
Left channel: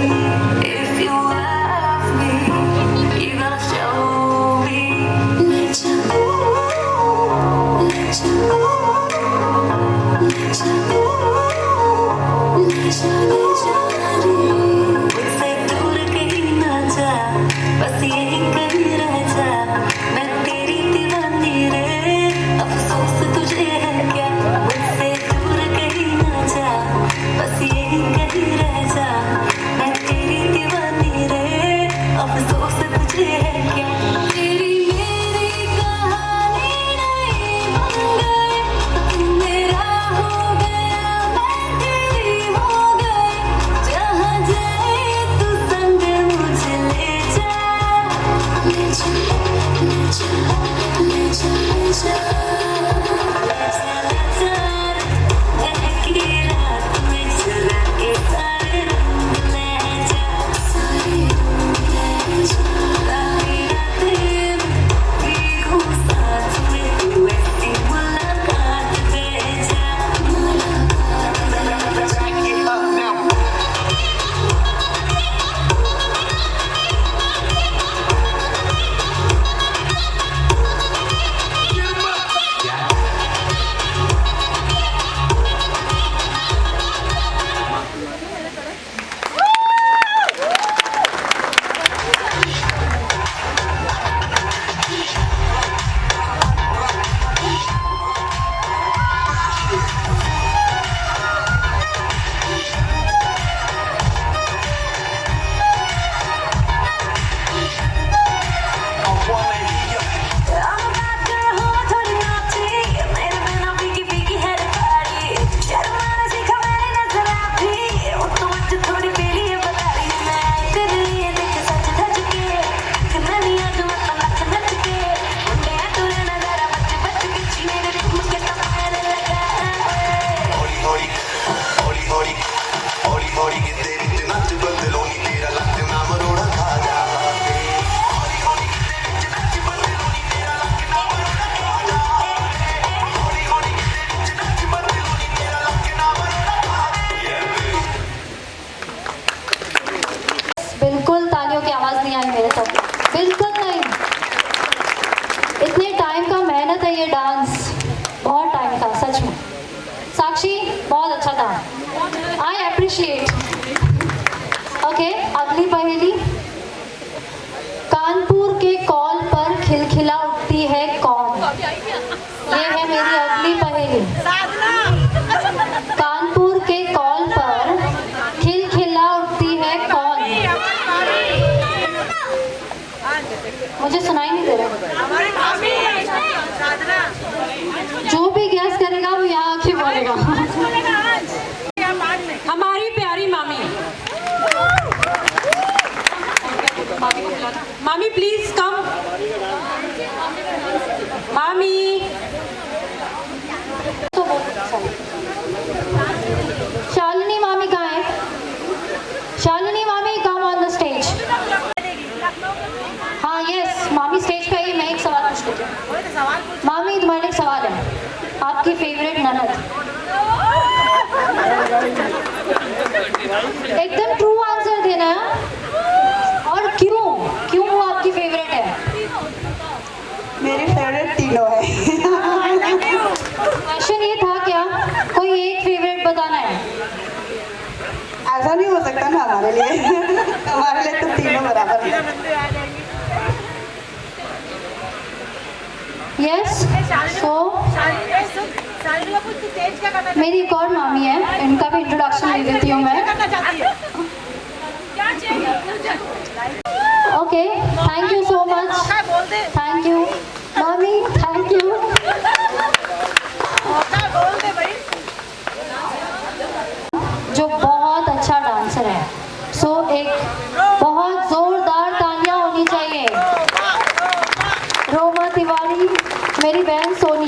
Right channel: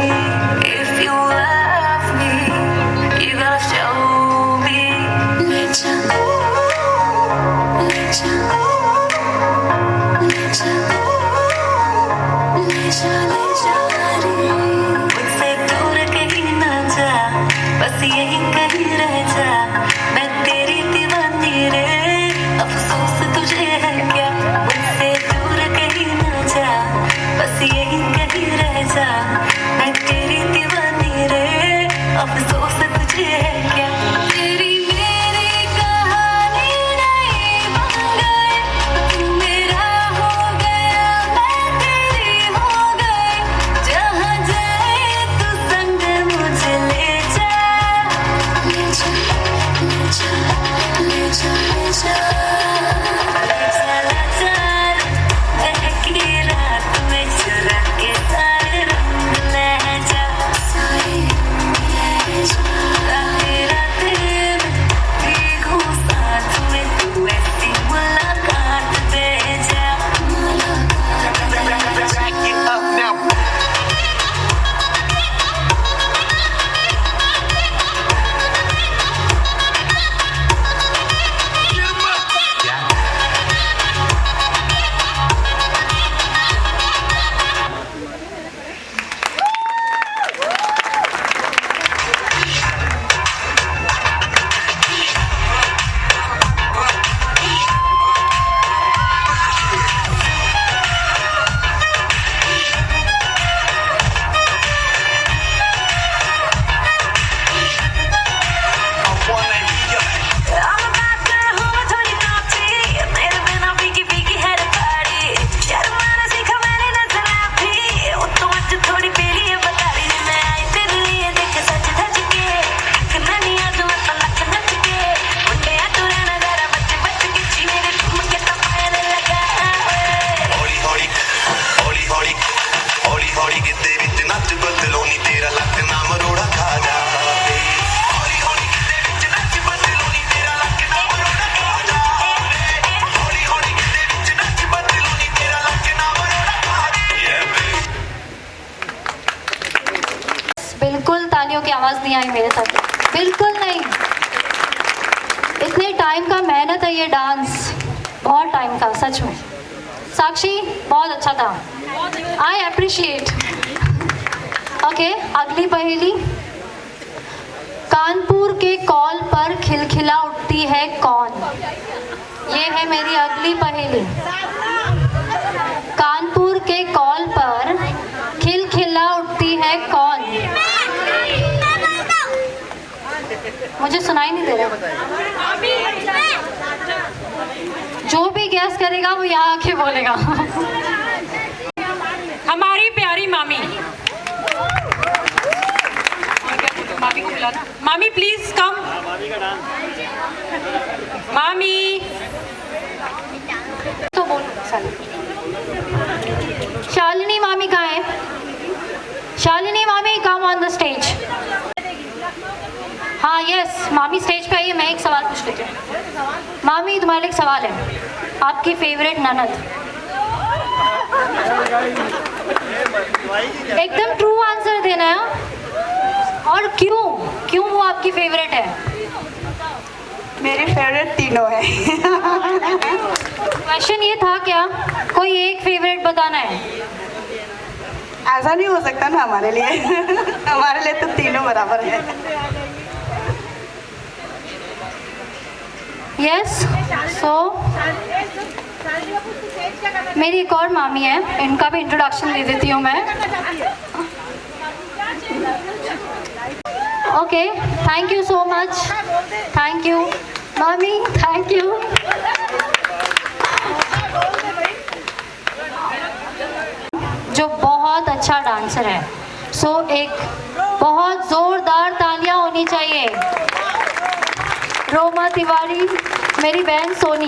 if you love me. You gotta show me. Let you go, let you go, let you go, let you मुझसे दूर कहीं ना जा, बस यहीं कहीं रह जा, मैं तेरी दीवानी रे, अफसोस तुझे है क्या? मुझसे दूर कहीं ना जा, बस यहीं कहीं रह जा, मैं तेरी दीवानी रे, अफसोस तुझे है क्या? तेरी मेरी कहानी नहीं बन गई, तू मेरा हो गया, मैं तेरी हो गई, जहाँ जाए तू संग मुझे ले जा, ले जा, ले जा, ले जा, ले जा। कितने टाइम का मेहनत है ये डांस, बहुत टाइम का सच में। साक्षी बहुत अच्छा था, आई अप्रिशिएट। ओके, अगली पहेली। कानपुर के कॉल पर खिलखिला उठती है कौन? ये है मेरी अगली पहेली। कानपुर के कॉल पर खिलखिला उठती है कौन? मुझे सुनाई नहीं दे रहा। जो भी गैस करेगा वो यहाँ आके बोलेगा। हमारी प्यारी मामी। मामी प्लीज कम। मामी तो वो शालिनी मामी कहाँ है? शालिनी मामी कम ऑन द स्टेज। हाँ यस, मामी स्टेज पे आइए। मैं एक सवाल पूछ लेती हूँ। मामी तुम्हारे लिए एक सवाल है, आपकी फेवरेट ननद। एकदम ट्रू आंसर देना है। और क्यों क्यों वो आपकी फेवरेट है? मेरी फेवरेट तीनों है। क्वेश्चन ये था क्या, कोई एक फेवरेट बताना है? ऐसा नहीं हो सकता ना हमारे लिए। हमारे लिए तो तीनों बराबर है। यस, सो मेरी एक और मामी है, इनका भी इंट्रोडक्शन दे देती हूँ मैं। Okay, thank you so much. Thank you मामी, थैंक यू। जो बहुत अच्छा डांसर है, सो एक बहुत जोरदार तालियां होनी चाहिए। रोमा तिवारी, मेरी बहन सोनी।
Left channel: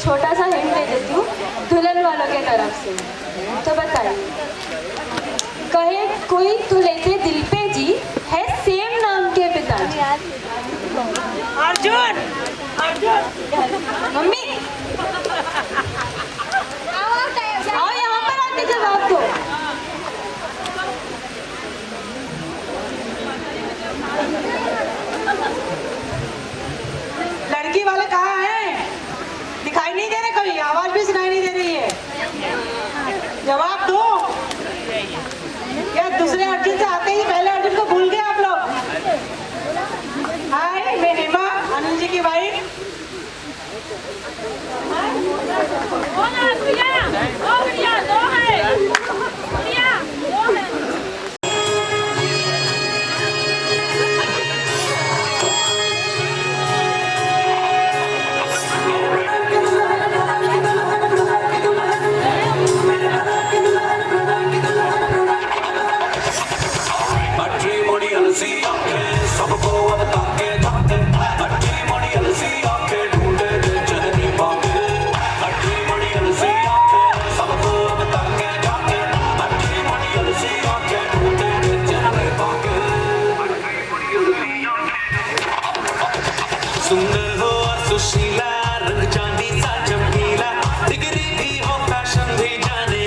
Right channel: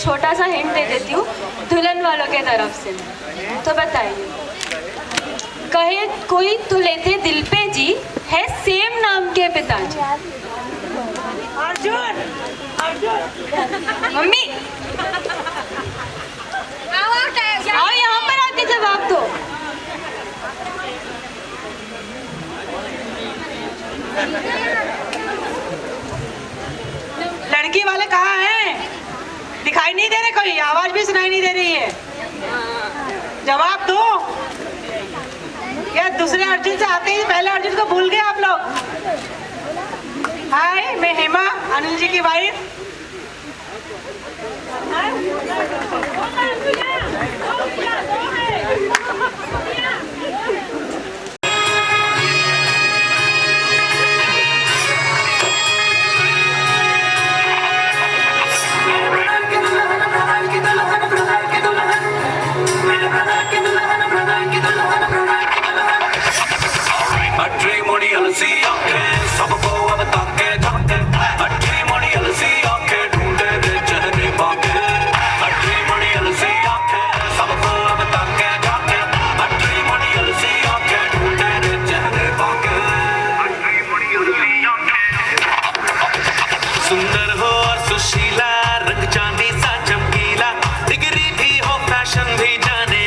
छोटा सा हिंट दे देती हूँ दुल्हन वालों के तरफ से। तो बताइए, कहे कोई तुले थे दिल पे जी, है सेम नाम के पिताजी। अर्जुन मम्मी आओ यहाँ पर आके जवाब दो। लड़की वाले कहाँ हैं? दिखाई नहीं दे रहे, कोई आवाज भी सुनाई नहीं दे रही है। जवाब दो। क्या दूसरे अर्जुन से आते ही पहले अर्जुन को भूल गए आप लोग? हाय, मैं हेमा, अनिल जी की वाइफ। सुंदर हो और सुशीला, रंग चांदी सा चमकीला, डिग्री भी हो फैशन भी जाने,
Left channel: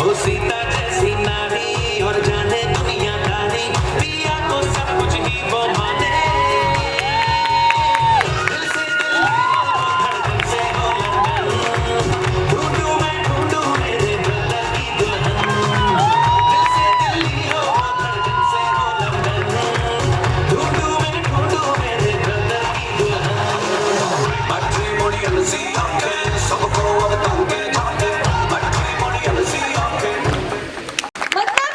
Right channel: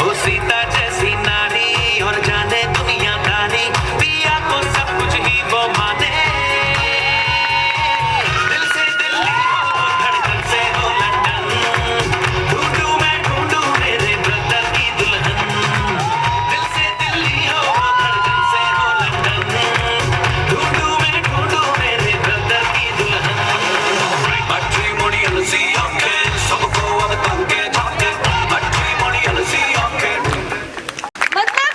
हो सीता जैसी नारी और जाने दुनिया दारी, पिया को सब कुछ ही वो माने। दिल से दिल्ली हो, धड़कन से हो लंदन, ढूंढूं मैं ढूंढूं मेरे ब्रदर की दुल्हन। दिल से दिल्ली हो, धड़कन से हो लंदन, ढूंढूं मैं ढूंढूं मेरे ब्रदर की दुल्हन। मैट्रिमोनी अलसी आंखें सबको अब ताके झाके, मैट्रिमोनी अलसी आंखें। मतलब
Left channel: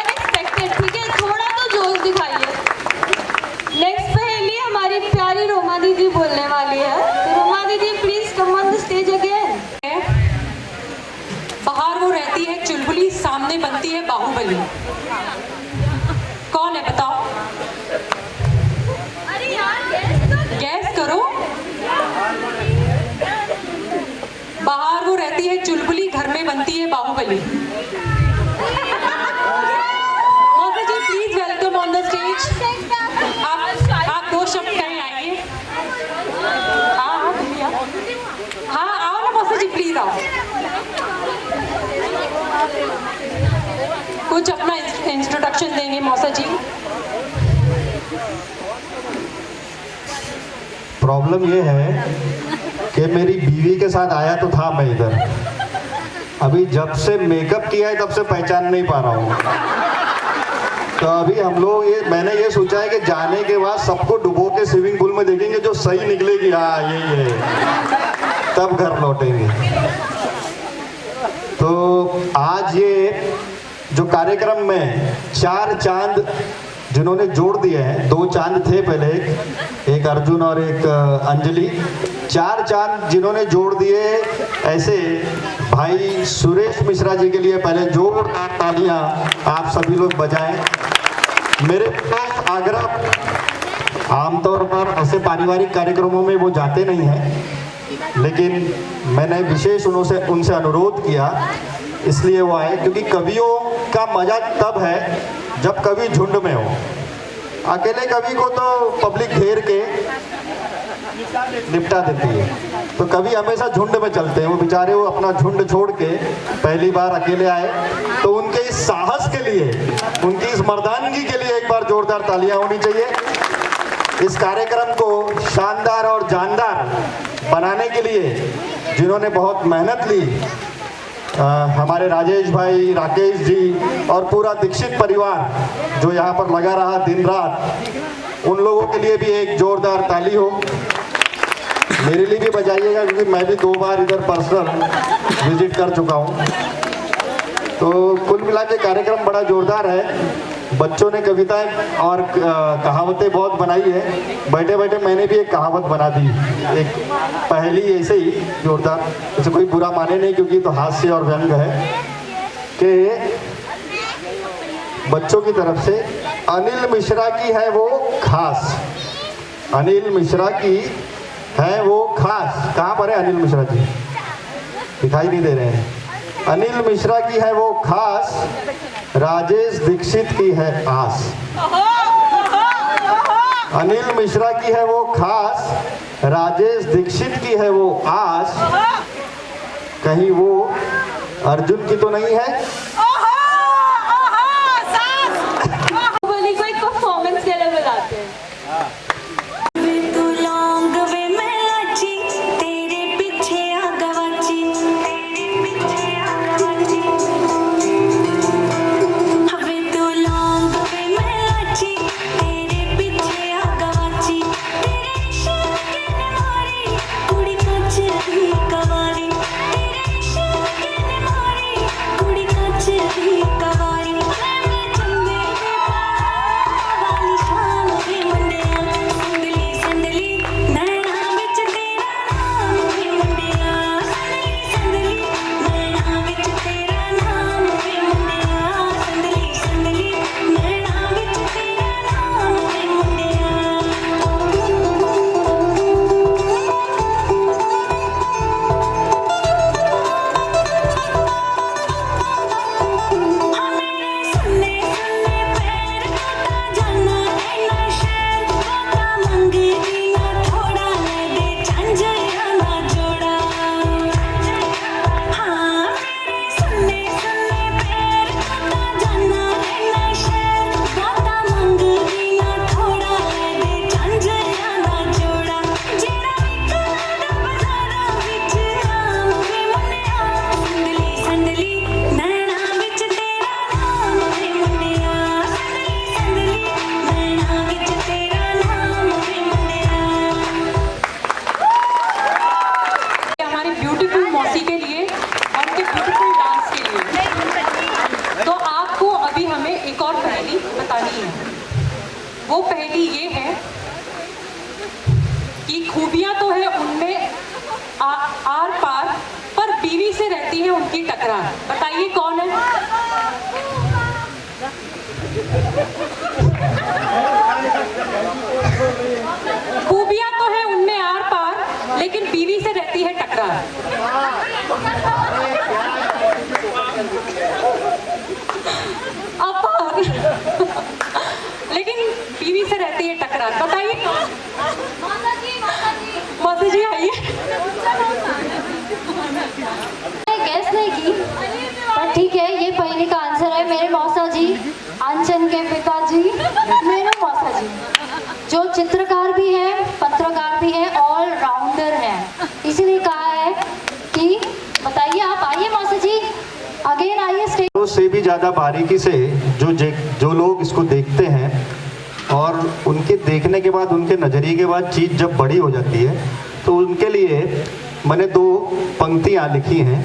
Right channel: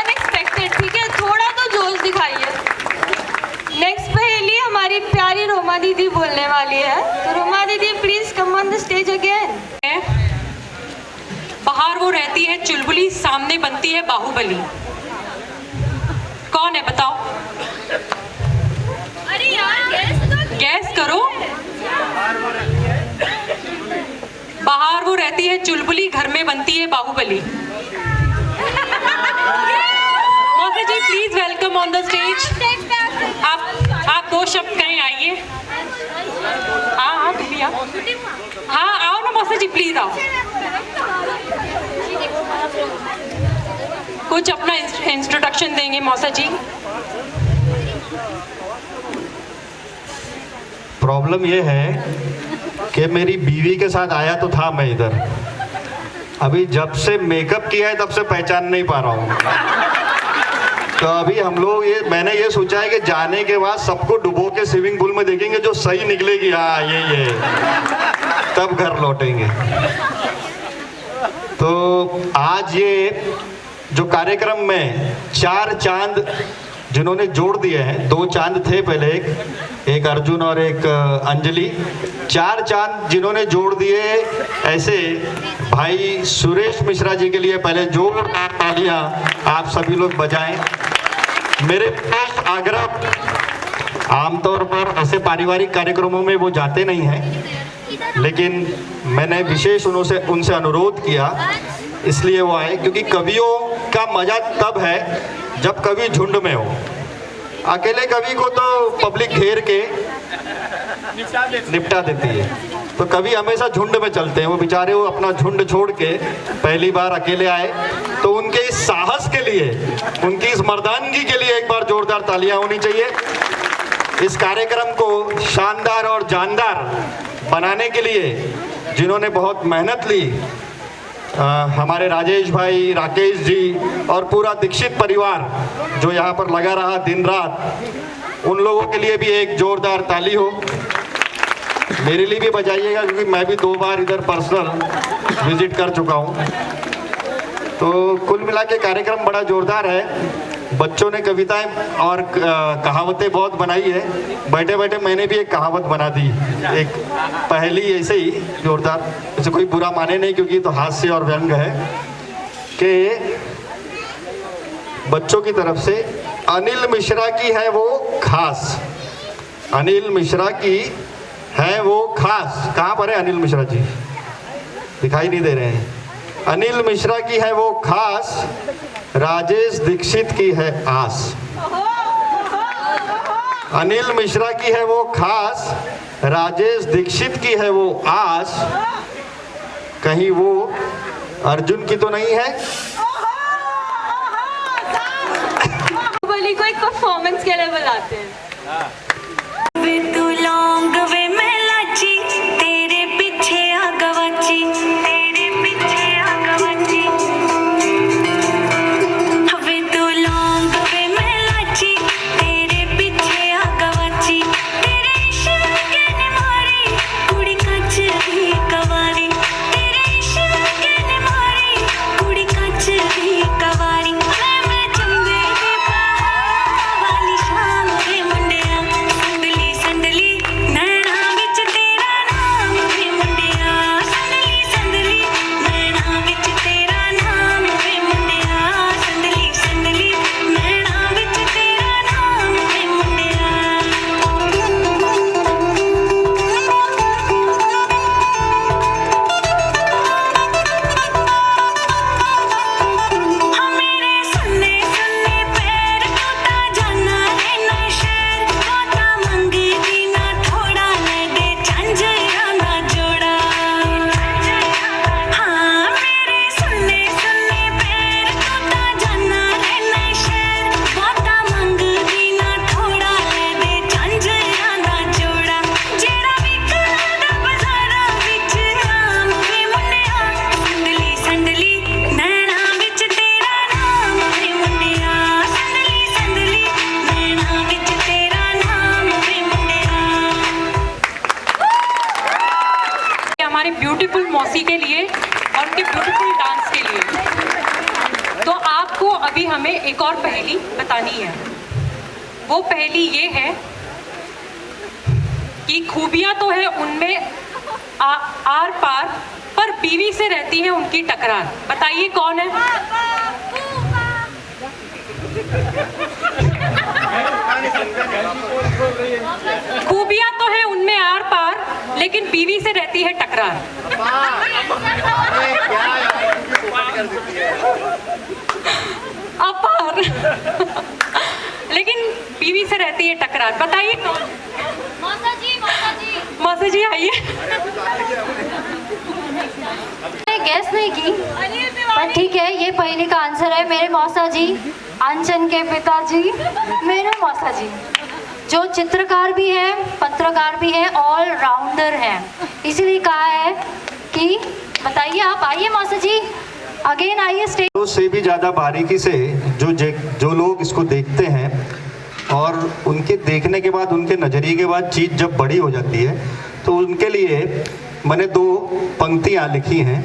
अनएक्सपेक्टेड, ठीक है, थोड़ा तो जोश दिखाइए। नेक्स्ट पहेली हमारी प्यारी रोमा दीदी बोलने वाली है, तो रोमा दीदी please come on the stage again. बाहर वो रहती है चुलबुली, सामने बनती है बाहुबली। कौन है बताओ? अरे यार गैस करो। बाहर वो रहती है चुलबुली, घर में बनती है बाहुबली। मौसी ji please welcome on the stage. आप दो शब्द कहें, आइए। हाँ भैया, हाँ आओ ना मौसी जी, प्लीज आओ। कुछ अपना इंट्रोडक्शन देंगे मौसा जी। प्रॉब्लम ये है कि मेरी बीवी के साथ आया तो था मैं इधर, अभी जब से मेकअप किया है तब से पहचान नहीं पा रहा हूँ। तो अभी हम लोग मैंने ये सोचा है कि जाने के बाद सबको डुबो के स्विमिंग पूल में देखेंगे, जो सही निकलेगी हाँ ये तब घर लौटेंगे। तो आज ये जो कार्यक्रम में 4 चांद जिन्होंने जोड़ दिए हैं, 2 चांद थे पहले, एक अर्जुन और एक अंजलि, 4 चांद जिन्होंने जोड़ दिए, ऐसे भाई सुरेश मिश्रा जी के लिए पहले जोरदार तालियां आप सभी लोग बजाएं। मेरे पास आग्रह, आमतौर पर ऐसे पारिवारिक कार्यक्रमों में वो जाते नहीं हैं, लेकिन मैंने विशेष उनसे अनुरोध किया, इसलिए वो आए, क्योंकि कवियों का मजा तब है जब कवि झुंड में हो। अकेले कवि को तो पब्लिक घेर के निपटा देती है, तो कवि हमेशा झुंड में चलते हैं। वो बेचारे वो अपना झुंड छोड़ के पहली बार अकेले आए, तो उनके इस साहस के लिए, उनकी इस मर्दानगी के लिए एक बार जोरदार तालियां होनी चाहिए। इस कार्यक्रम को शानदार और जानदार बनाने के लिए जिन्होंने बहुत मेहनत ली, हमारे राजेश भाई, राकेश जी और पूरा दीक्षित परिवार जो यहाँ पर लगा रहा दिन रात, उन लोगों के लिए भी एक जोरदार ताली हो। मेरे लिए भी बजाइएगा, क्योंकि मैं भी 2 बार इधर पर्सनल विजिट कर चुका हूँ। तो कुल मिला के कार्यक्रम बड़ा जोरदार है। बच्चों ने कविताएं और कहावतें बहुत बनाई है। बैठे बैठे मैंने भी एक कहावत बना दी, एक पहेली ऐसे ही जोरदार, इसे कोई बुरा माने नहीं, क्योंकि तो हास्य और व्यंग है, कि बच्चों की तरफ से अनिल मिश्रा की है वो खास, अनिल मिश्रा की है वो खास। कहाँ पर है अनिल मिश्रा जी? दिखाई नहीं दे रहे हैं। अनिल मिश्रा की है वो खास, राजेश दीक्षित की है आस। अनिल मिश्रा की है वो खास, राजेश दीक्षित की है वो आस, कहीं वो अर्जुन की तो नहीं है? बाहुबली को एक परफॉर्मेंस के लिए बुलाते हैं। ब्यूटीफुल मौसी के लिए और उनके ब्यूटीफुल डांस के लिए। तो आपको अभी हमें एक और पहेली बतानी है। वो पहेली ये है कि खूबियां तो है उनमें आर पार, पर बीवी से रहती है उनकी टकरार। बताइए कौन है? खूबियां तो है उनमें आर पार, लेकिन बीवी से रहती है टकरार। अपार लेकिन बीवी से रहती है टकरार। बताइए कौन? मौसा जी आइए। गेस नहीं की, पर ठीक है, ये पहले का आंसर है मेरे मौसा जी, आंचन के पिताजी, मेरे मौसा जी, जो चित्रकार भी है, पत्रकार भी है, ऑल राउंडर है। इसीलिए कहा है कि बताइए, आप आइए मौसा जी, अगेन आइए स्टेज। तो से भी ज़्यादा बारीकी से जो लोग इसको देखते हैं और उनके देखने के बाद, उनके नज़रिए के बाद चीज़ जब बड़ी हो जाती है, तो उनके लिए मैंने 2 पंक्तियाँ लिखी हैं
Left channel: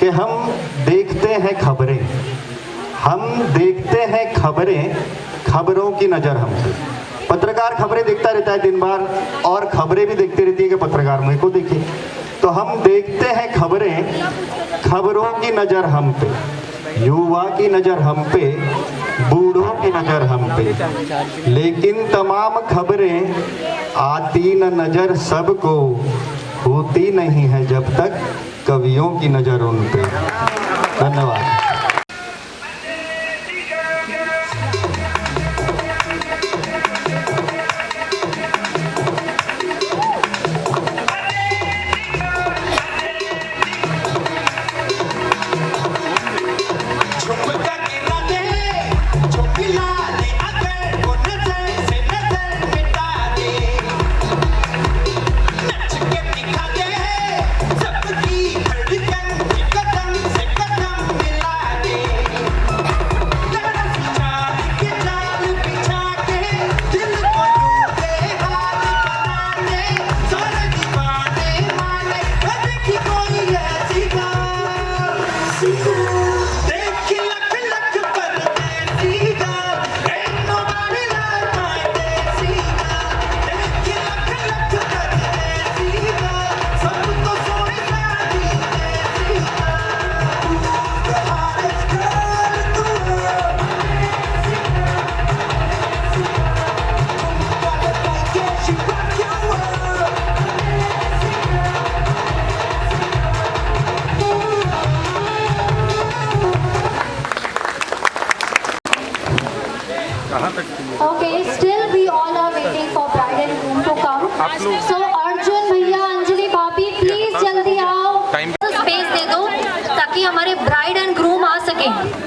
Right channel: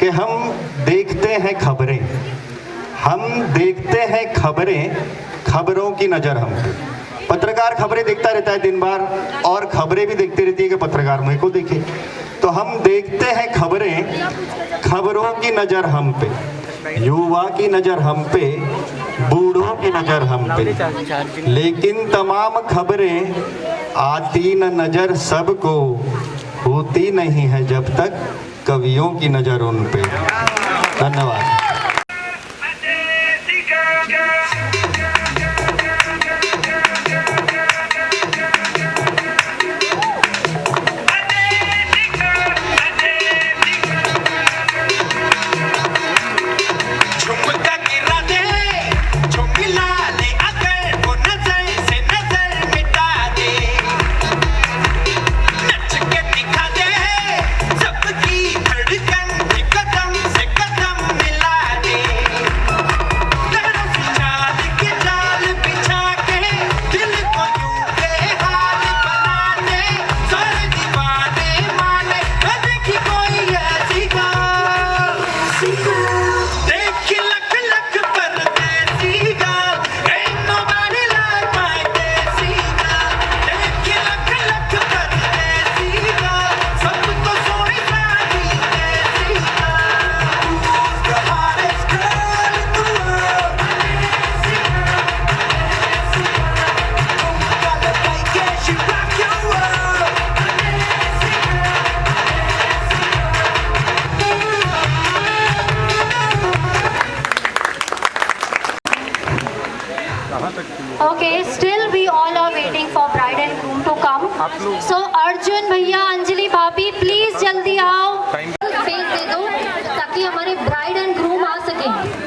कि हम देखते हैं खबरें, हम देखते हैं खबरें, खबरों की नज़र हम पे। पत्रकार खबरें देखता रहता है दिन भर, और खबरें भी देखते रहती है कि पत्रकार मेरे को देखे। तो हम देखते हैं खबरें, खबरों की नज़र हम पे, युवा की नज़र हम पे, बूढ़ों की नज़र हम पे, लेकिन तमाम खबरें आती न नज़र सबको, होती नहीं है जब तक कवियों की नज़र उन पे। धन्यवाद। Okay, still we all are waiting आप लोग सो अर्जुन भैया, अंजलि भाभी, प्लीज जल्दी आओ, स्पेस दे दो ताकि हमारे ब्राइड एंड ग्रूम आ सके।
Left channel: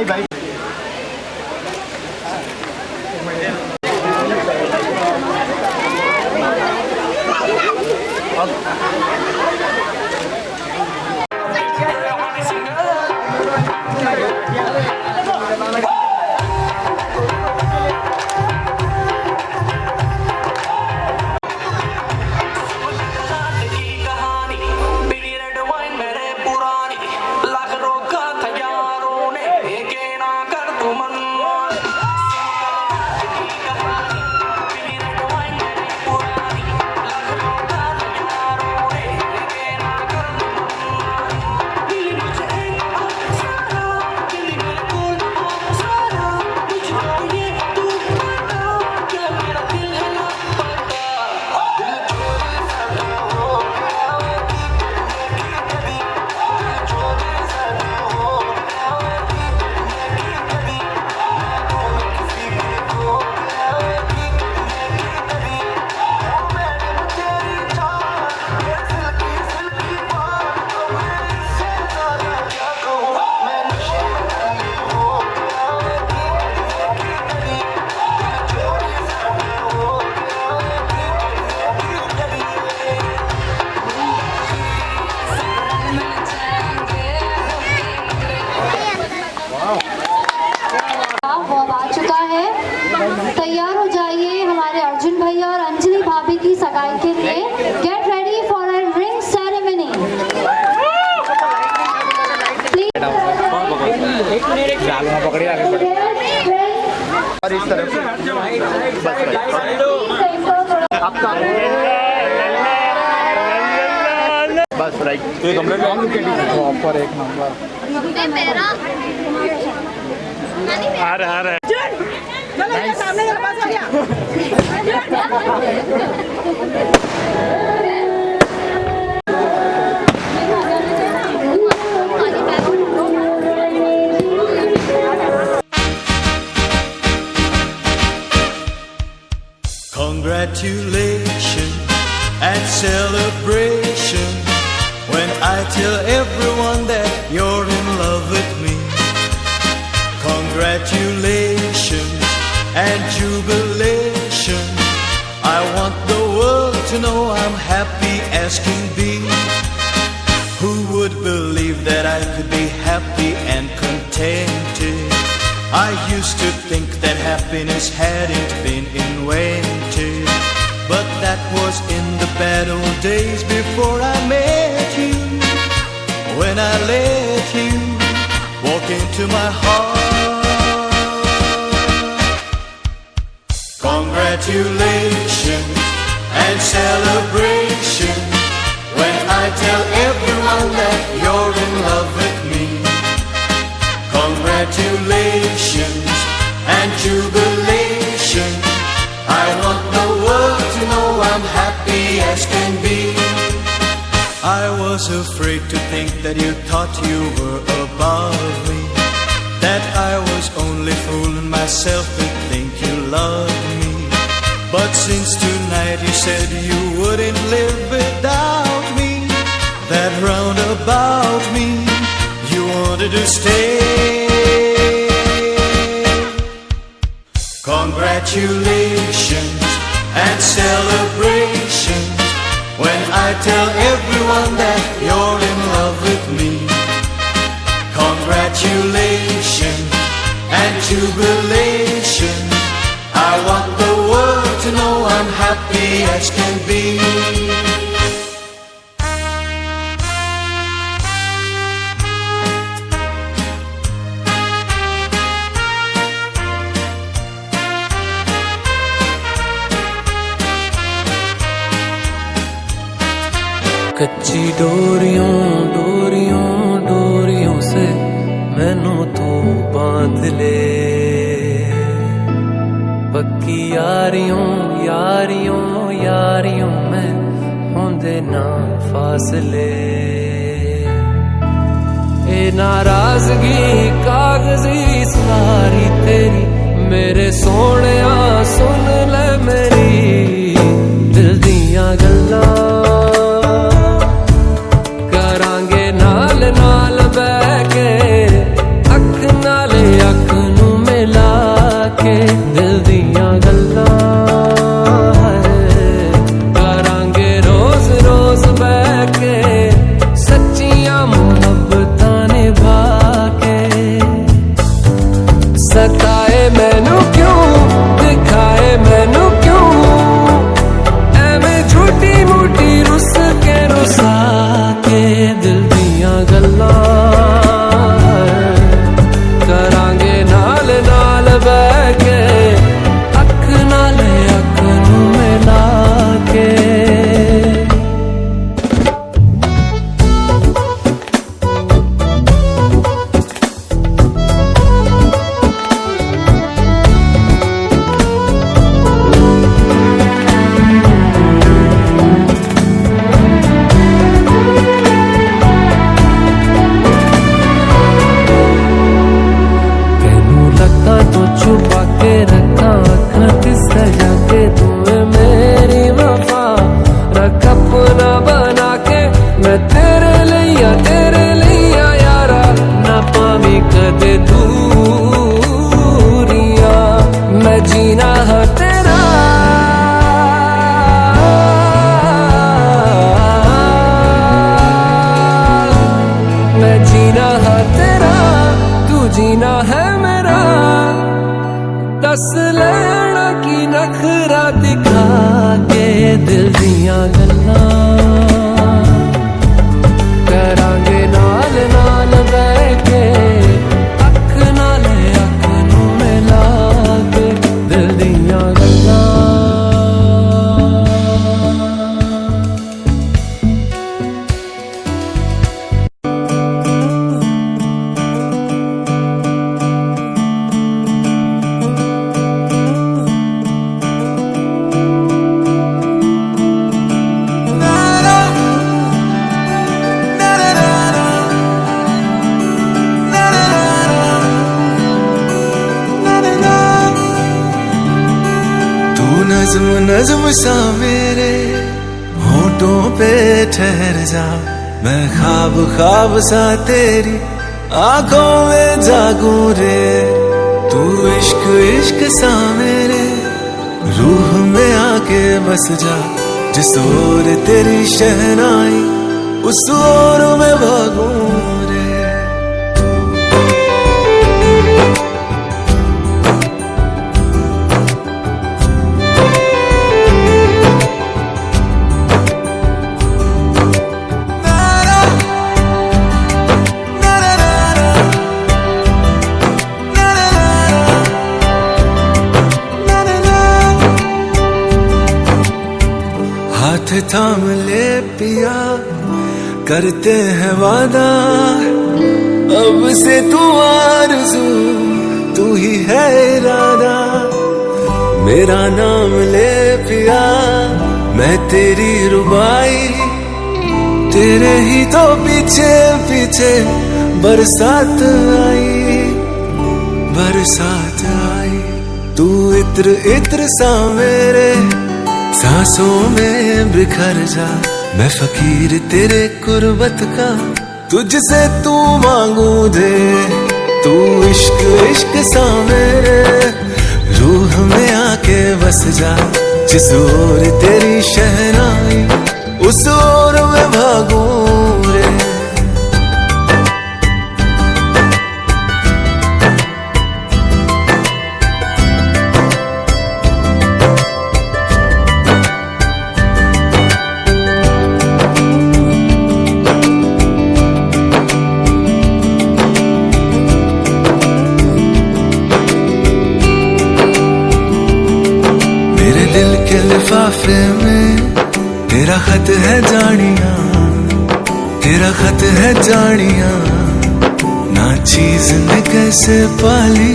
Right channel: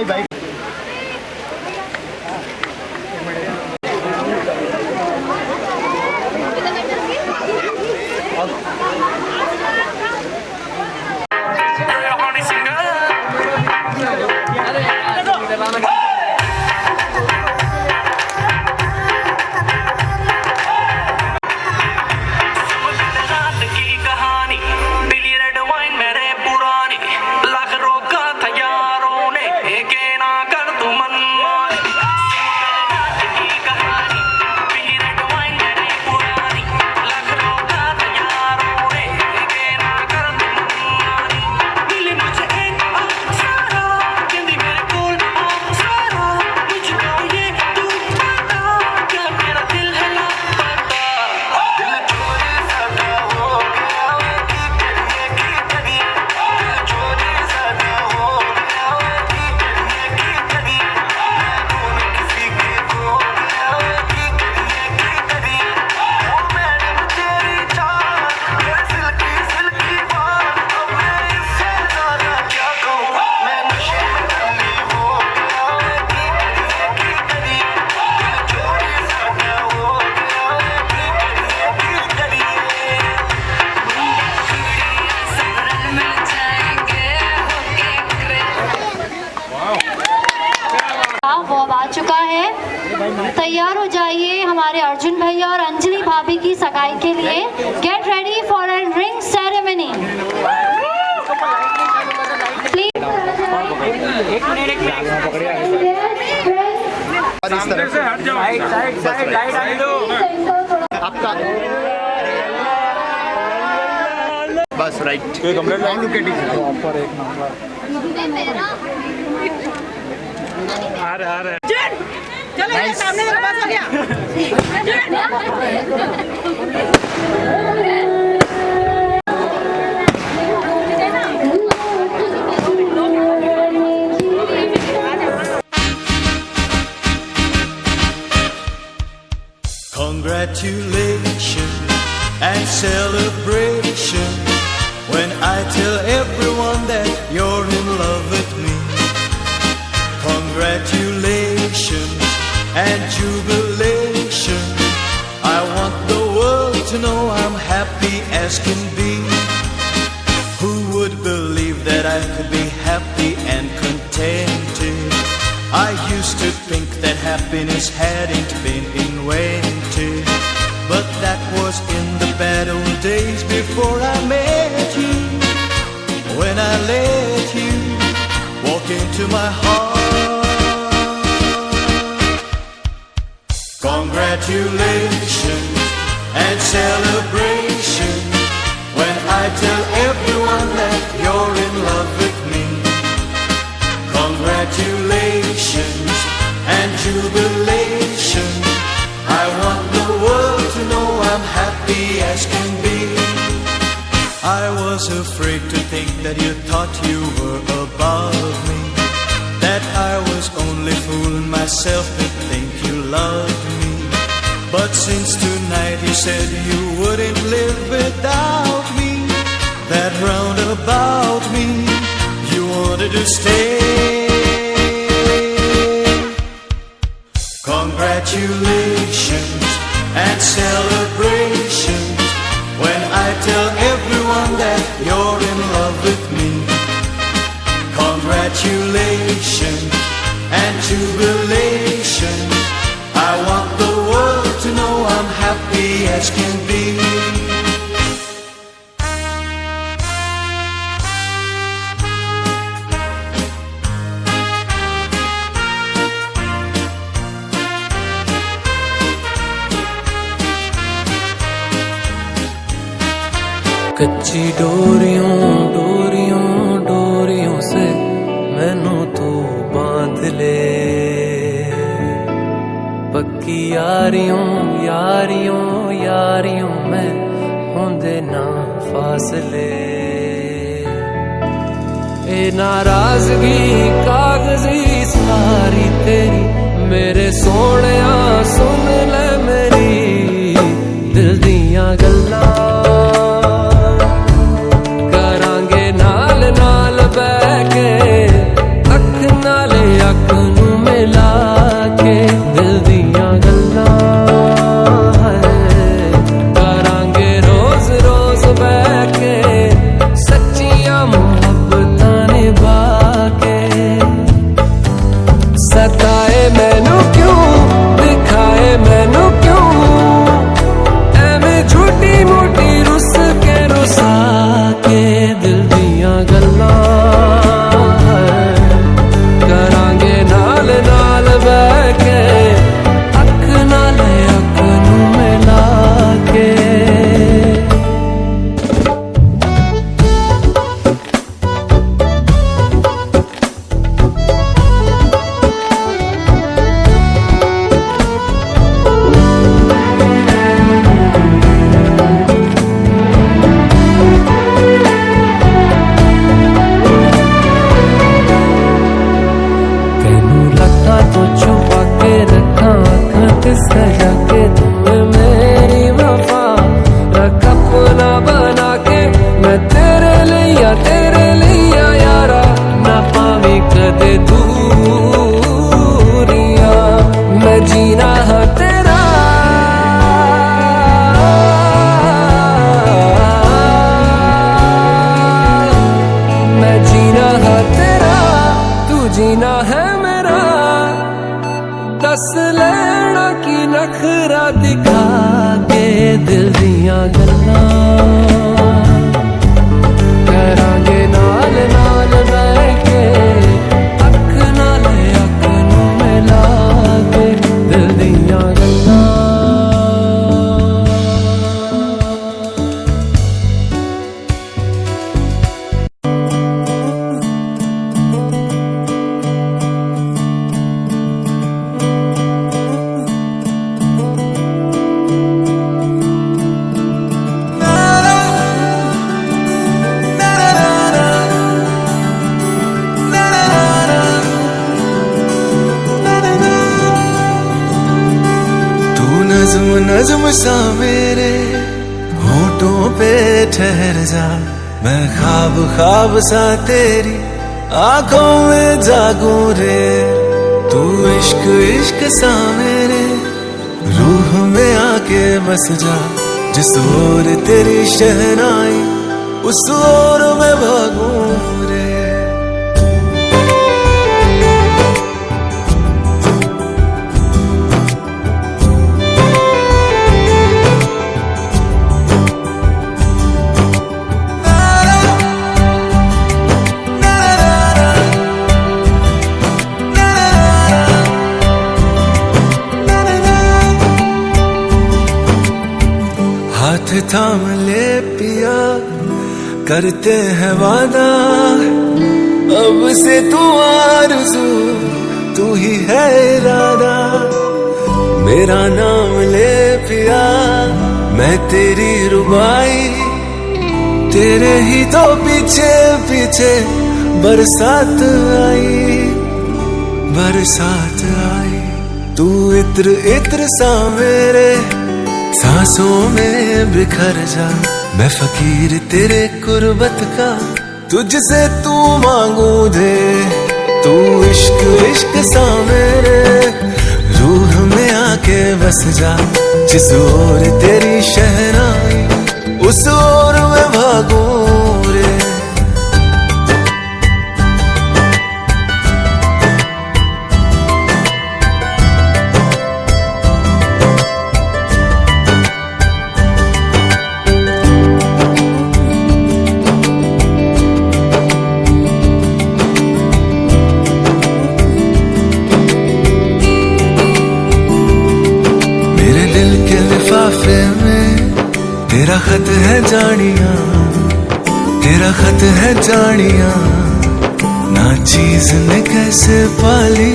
भाई भाई तैयार हो जाइए हमारे अर्जुन भैया और अंजलि भाभी की सगाई के लिए। Get ready for a ring ceremony. और इस तरह से आपका बस राइट कंप्लीट प्रॉपर एक नंबर आ रहा चलो ये सामने मेरे पास हो गया। Congratulations and celebration when I tell everyone that you're in love with me. Congratulations and jubilation. I want the world to know I'm happy as can be. Who would believe that I could be happy and contented? I used to think that happiness hadn't been invented, but that was in the bad old days before I met you. When I let you walk into my heart. Congratulations and celebration when I tell everyone that you're in love with me. Congratulations and jubilation. I want the world to know I'm happy as can be. I was afraid to think that you thought you were above me, that I was only fooling myself to think you loved me. But since tonight you said you wouldn't live without me, that round about me you wanted to stay. Congratulations and celebrations when I tell everyone that you're in love with me. Congratulations and jubilation. I want the world to know I'm happy as can be. कच्ची डोरियों डोरियों डोरियों से मैनू तू बांध ले, पक्की यारियों यारियों यारियों में होंदे ना फासले। ए नाराजगी कागजी सारी तेरी मेरे सोहणिया सुन ले मेरी दिल दियां गल्लां करांगे नाल नाल बैठ के अख नाले दिखाए मैनू क्यों, दिखाए मैनू क्यों, एवें छोटी मोटी रुस के रुसा के दिल दियां गल्लां करांगे नाल नाल बैठ के, अख नाल अख नू मिला के। तो छुपा के रखा अखा ते सजा के, तुम्हें मेरी वफा रख अपना बना के, मैं तेरे लिया यारा ना पावी कदे दूरिया, मैं जीना है तेरा मैं जीना है तेरा, तू जीना है मेरा, दस लेना की नखरा दिखा के दिल दियां गल्लां करांगे नाल नाल बैठ के, अख नाल अख नू मिला के दिल दियां गल्लां। नज़्म नज़्म सा मेरे होठों पे ठहर जा, मैं ख्वाब ख्वाब सा तेरी आंखों में जागूं रे, तू इश्क इश्क सा मेरे रूह में आके बस जा, जिस ओर तेरी शहनाई उस ओर में भागूं रे। हाथ थाम ले पिया करते हैं वादा, अब से तू आरज़ू तू ही है इरादा, मेरा नाम ले पिया मैं तेरी रुबाई, तेरे ही तो पीछे पीछे बरसात आई, तू इत्र इत्र सा मेरे सांसों में बिखर जा, मैं फकीर तेरे कुर्बत का तुझसे तू मांगू दे, तू इश्क इश्क सा मेरे रूह में आके बस जा, जिस ओर तेरी शहनाई उस ओर में भागूं रे। मेरे दिल के लिफाफे में तेरा खत है जानिया, तेरा खत है जानिया, ना चीज ने कैसे पाली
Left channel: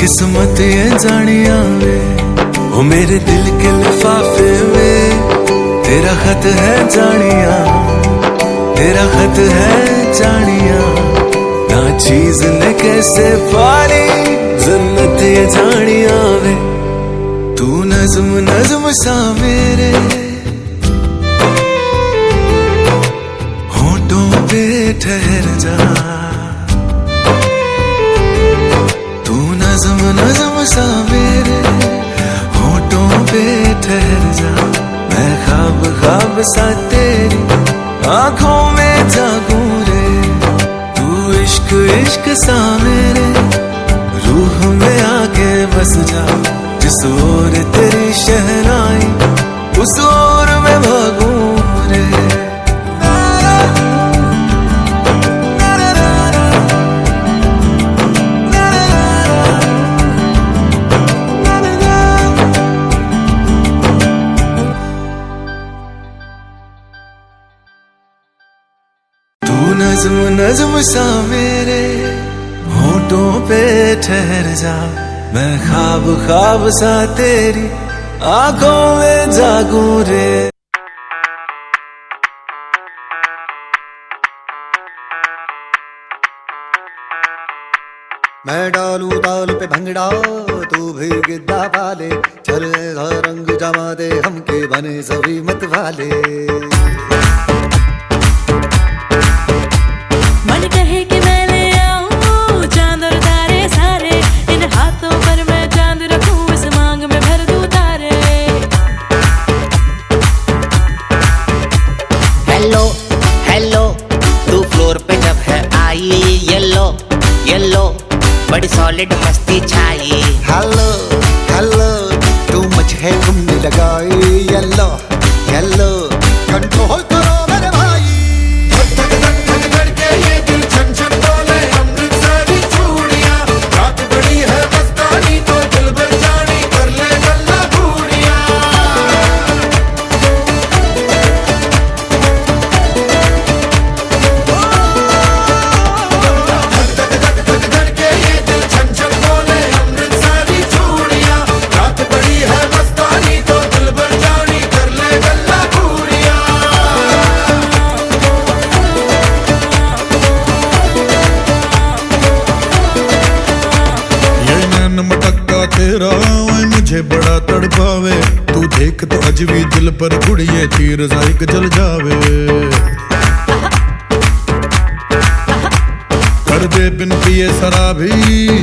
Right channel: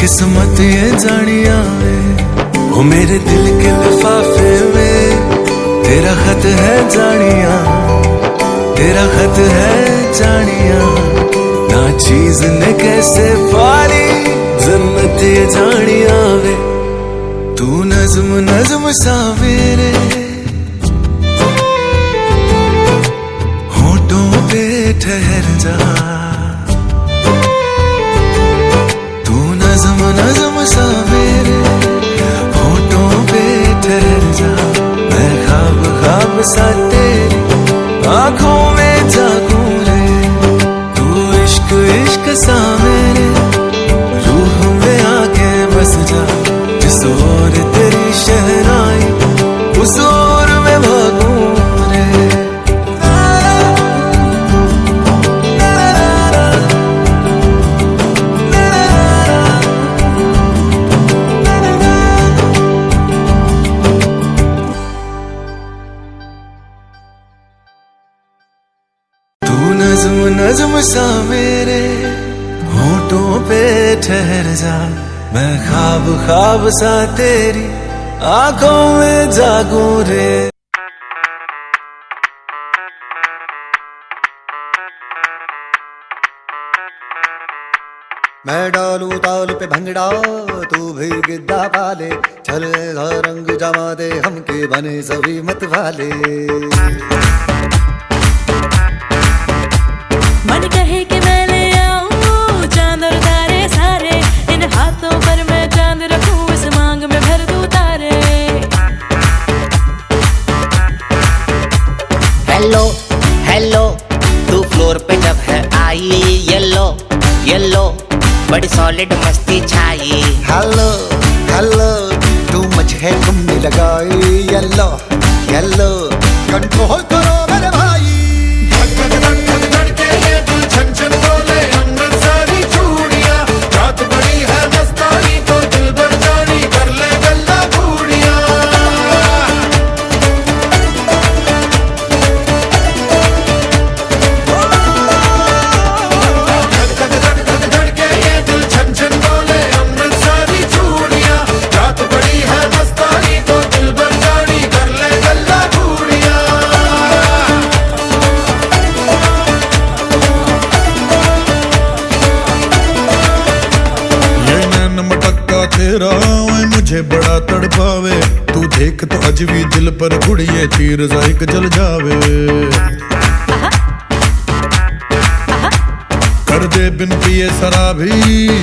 किस्मत ये जानिया वे, ओ मेरे दिल के लिफाफे में तेरा खत है जानिया, तेरा खत है जानिया, ना चीज ने कैसे पाली जन्नत ये जानिया वे, तू नज़्म नज़्म सा मेरे होठों पे ठहर जा, तू नज़्म नज़्म सा मेरे होठों पे ठहर जा, मैं ख्वाब ख्वाब सा तेरी आंखों में जागूं रे, तू इश्क इश्क सा मेरे रूह में आके बस जा, जिस ओर तेरी शहनाई उस ओर मैं भागूं रे। तू नज्म नज्म सा मेरे होठों पे ठहर जा, मैं ख्वाब ख्वाब सा तेरी आंखों में जागूं रे। मैं डालू ताल पे भंगड़ा तू भी गिद्दा पाले, चल रंग जमा दे हमके बने सभी मत वाले। मन कहे कि मैं ले आऊं चांद और तारे सारे, इन हाथों पर मैं चांद रखूं, इस मांग में भर दूं तारे। हेलो हेलो तू फ्लोर पे जब है आई, येलो येलो बड़ी सॉलिड मस्ती छाई। हेलो हेलो तू मुझे घूमने लगाई, येलो येलो कंट्रोल करो मेरे भाई। तेरा मुझे बड़ा तड़पावे, तू देख तो अज भी दिल पर गुड़िए तीर जाइक जल जावे। कर दे बिन पिए शराबी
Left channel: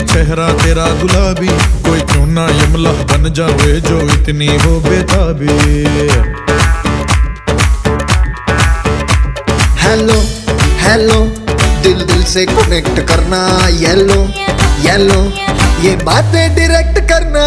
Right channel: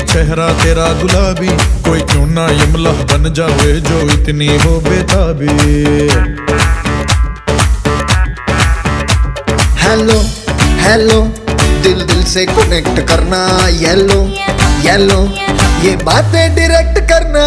चेहरा तेरा गुलाबी, कोई क्यों ना यमला बन जावे जो इतनी हो बेताबी। हेलो हेलो दिल दिल से कनेक्ट करना, येलो येलो ये बातें डायरेक्ट करना।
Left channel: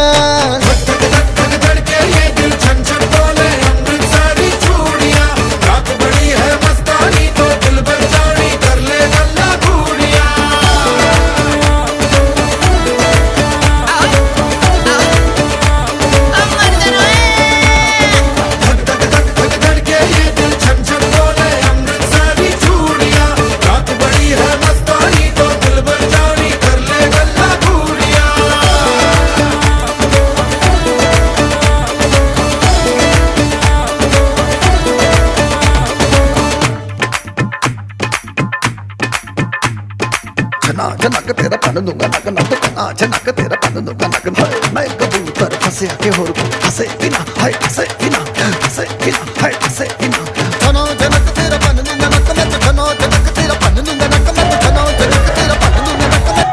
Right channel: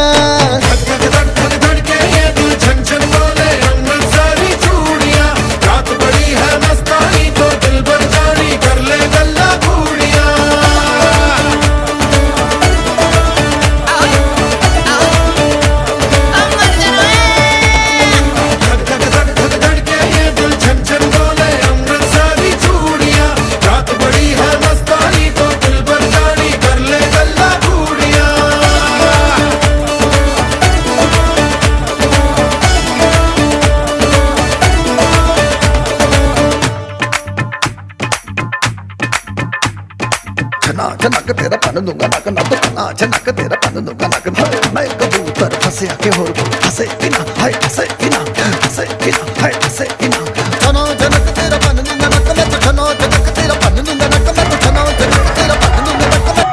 नक तेरा पन दूंगा नक नक नक तेरा पन दूंगा नक। मैं कबूतर फंसे आके होर फंसे बिना हाय फंसे बिना फंसे बिना हाय फंसे बिना। छनो जनक तेरा पन दूंगा नक मैं तो छनो जनक तेरा पन दूंगा नक मैं तो छनो जनक तेरा पन दूंगा नक मैं।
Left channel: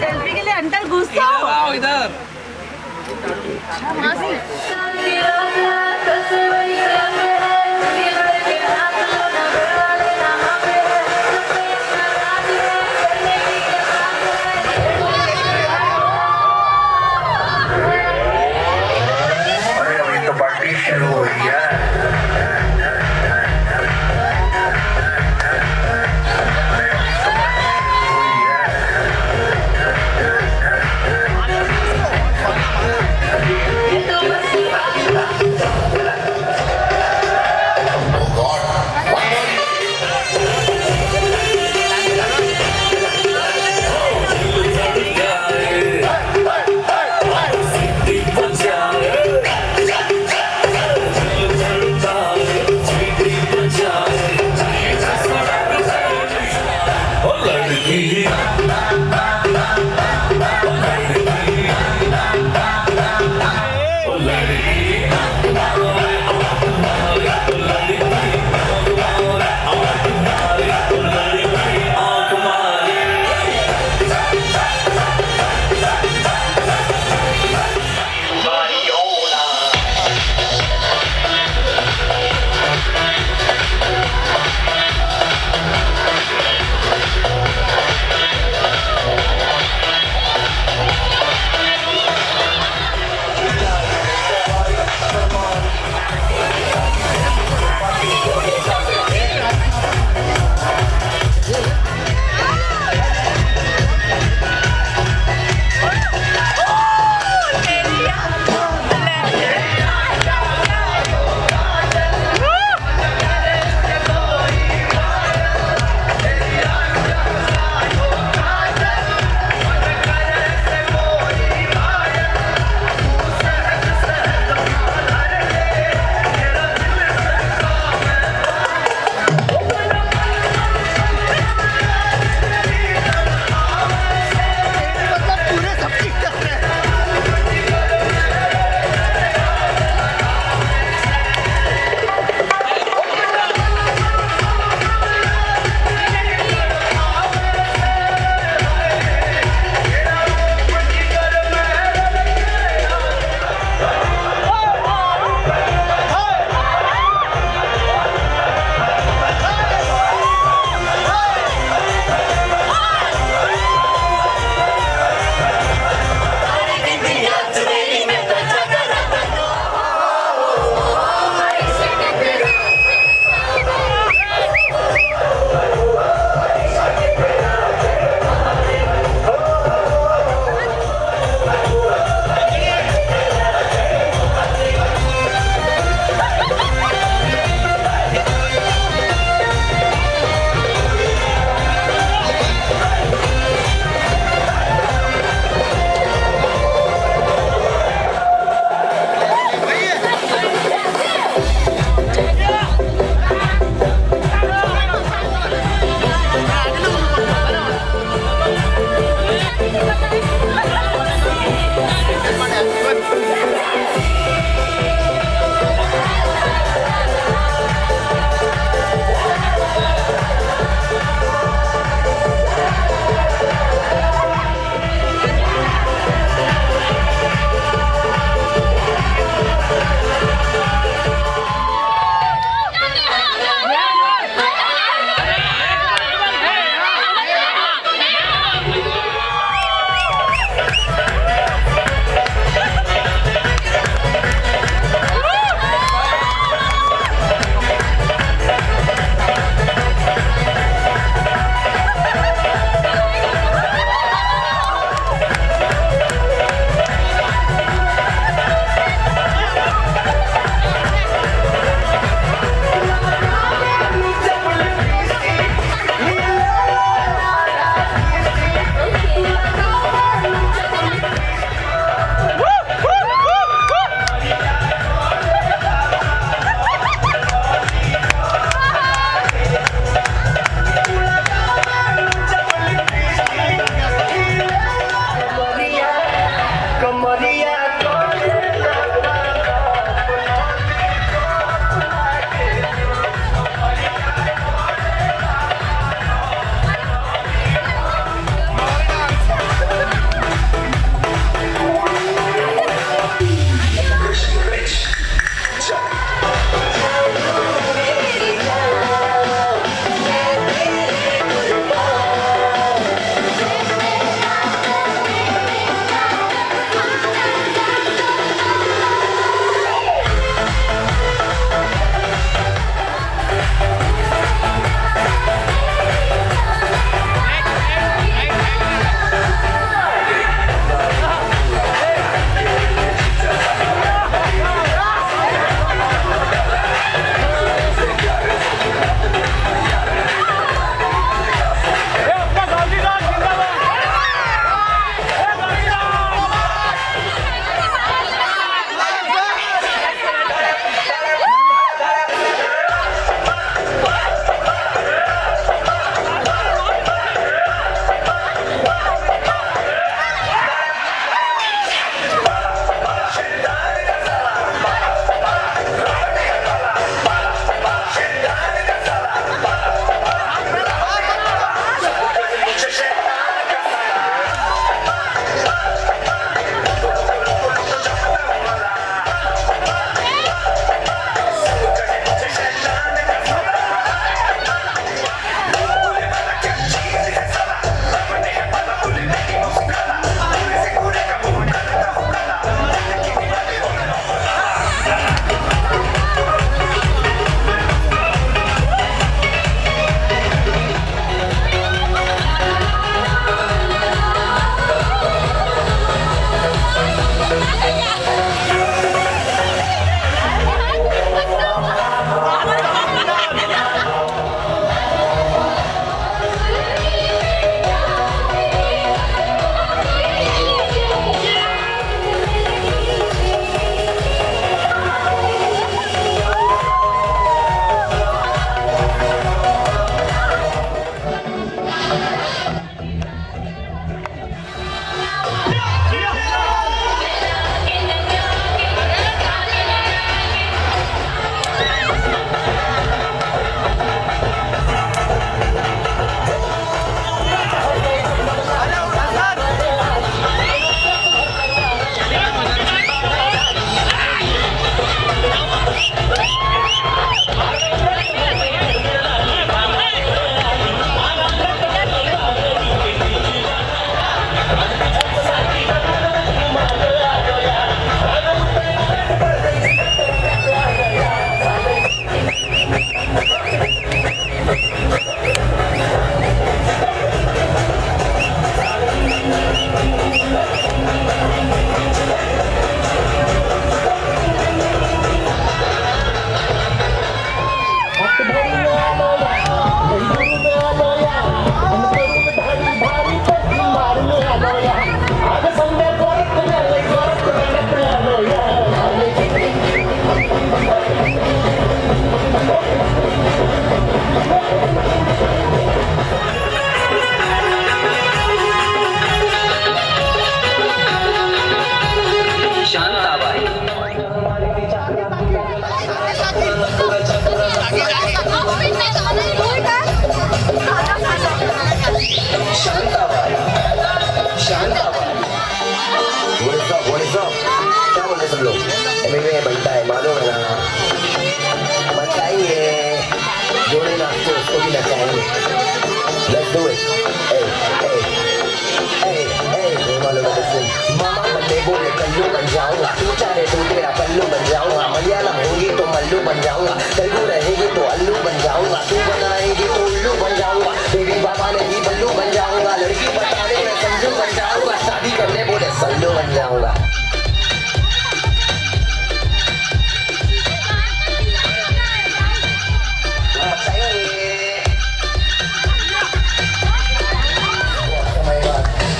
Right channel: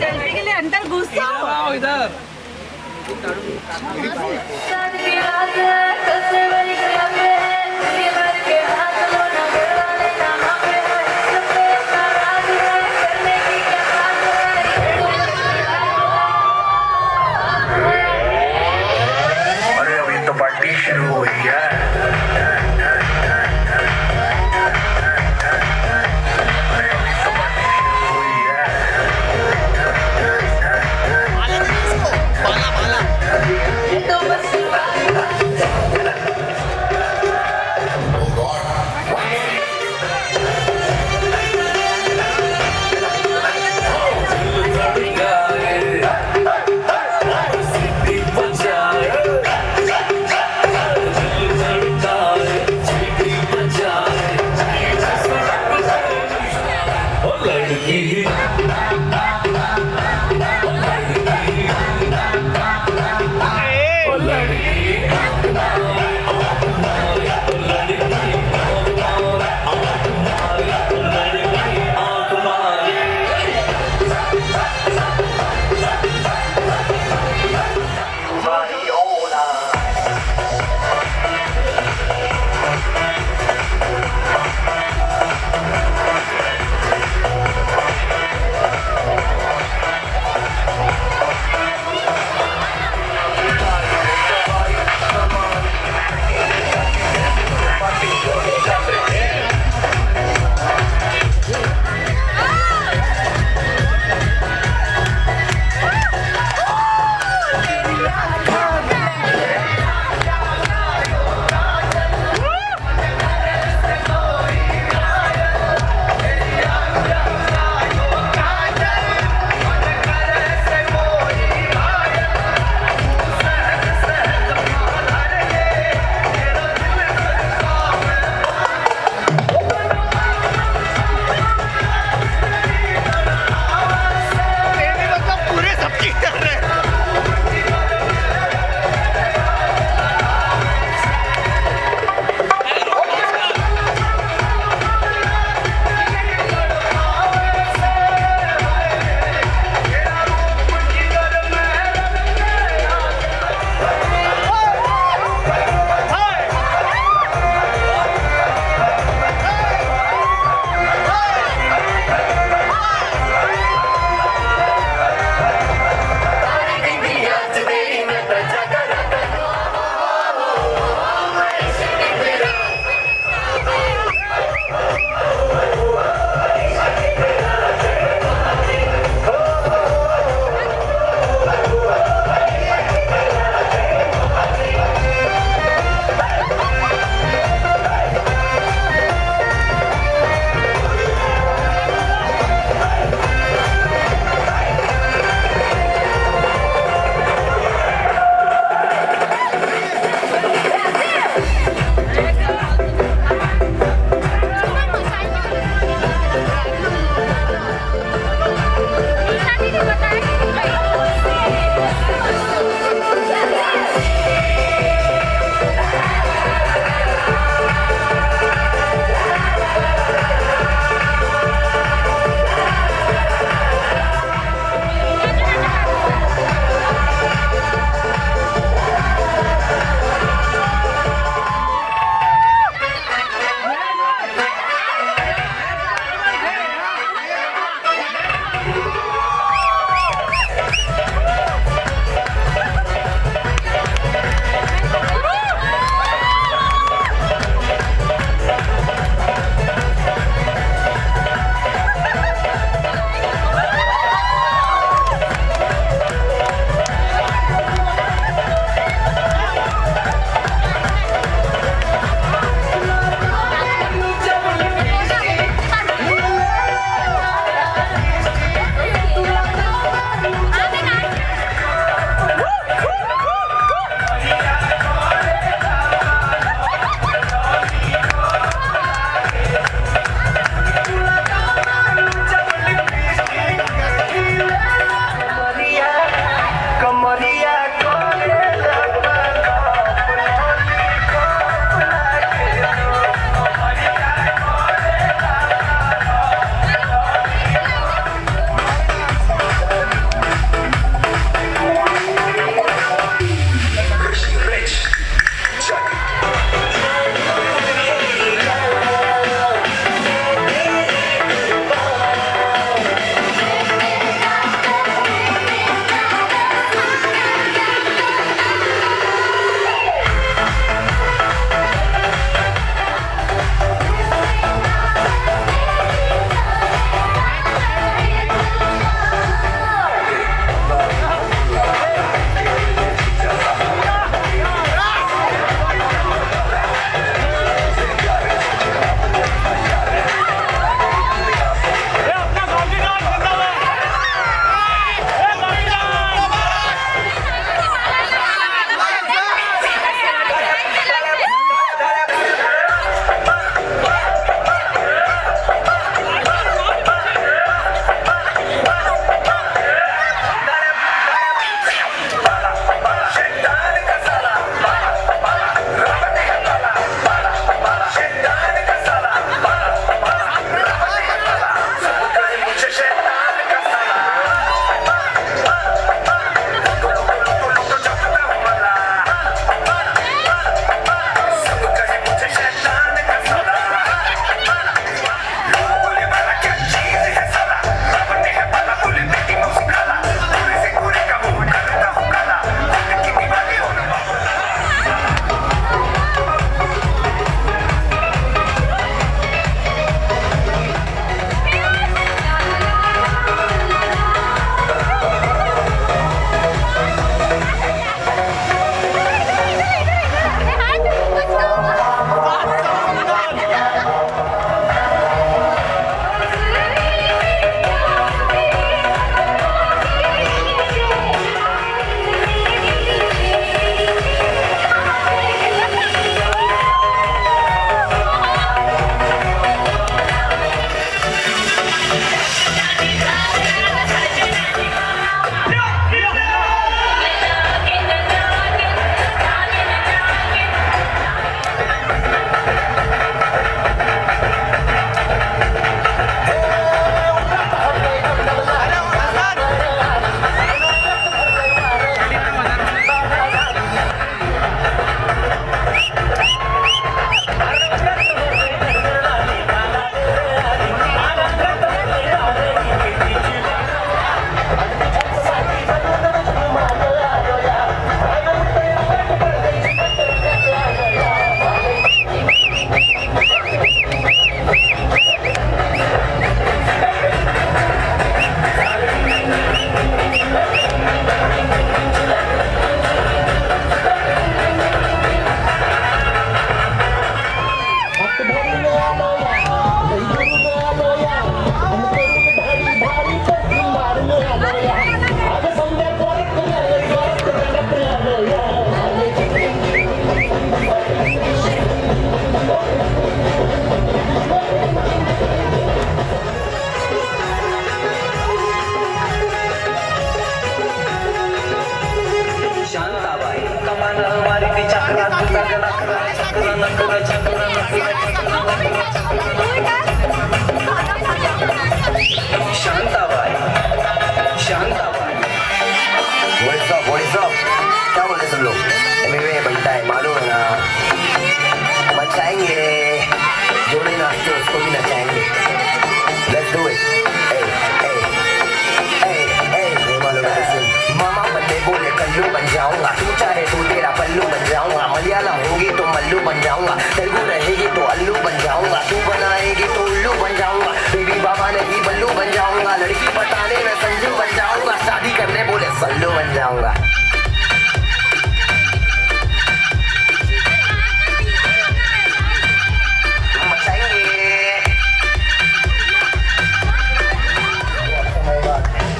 सेल्फी के लिए अंदर घुस जाओ इधर। तो पार्टी शुरू हो रही है। What is up? क्या बोले सब लोग? MMA बनता है मालूम है ना? बचाएंगे जोड़े नाचते उसको भी नचाएंगे. Let's do it. Hey, hey, hey, hey. ये मालूम है किसी? मामा बंदे बोले कल्लू बन जाऊंगा. तू चाहे तो तेरा पल्लू बन जाऊंगा. मलयालम होगी तो मल्लू बन जाऊंगा. तेलुगु रहेगी तो अल्लू बन जाऊंगा. तू बनाएगी तो उल्लू बन जाऊंगा. बेबी बाबा नहीं बल्लू बन जाऊंगा. लड़की पटाने में संजू बन जाऊंगा. शादी करने बोले सल्लू बन जाऊंगा.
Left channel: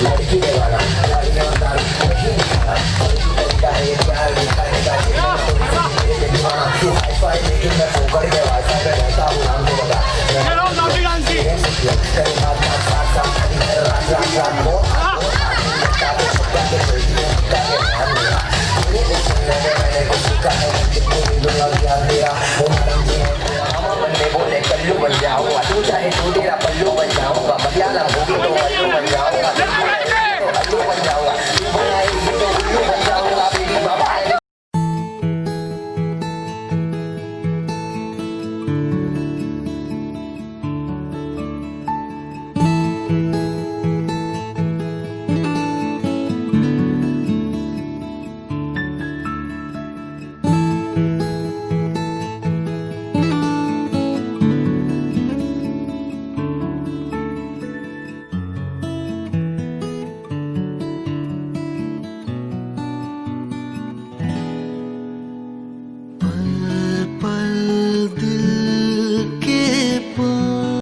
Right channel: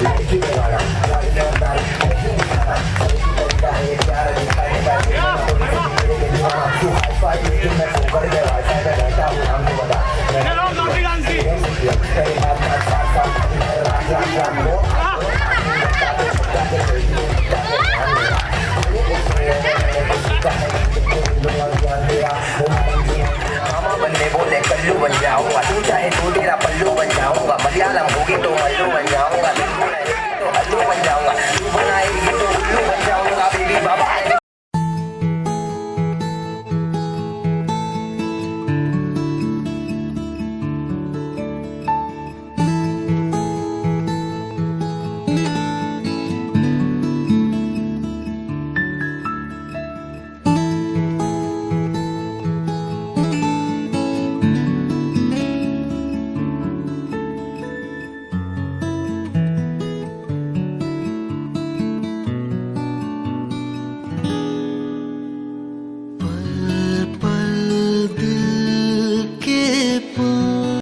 लड़की ने गाना गाड़ियों का नहीं दिखाना तरीका है ये प्यार दिखाने का ये दीवाना तू हाई फाई लेकिन मैं फोकट में वाईफाई में रहता हूँ नाम तो बता तेरे बात का साथ साथ रात रात को बोले कल्लू बन जाऊंगा. तू चाहे तो तेरा पल्लू बन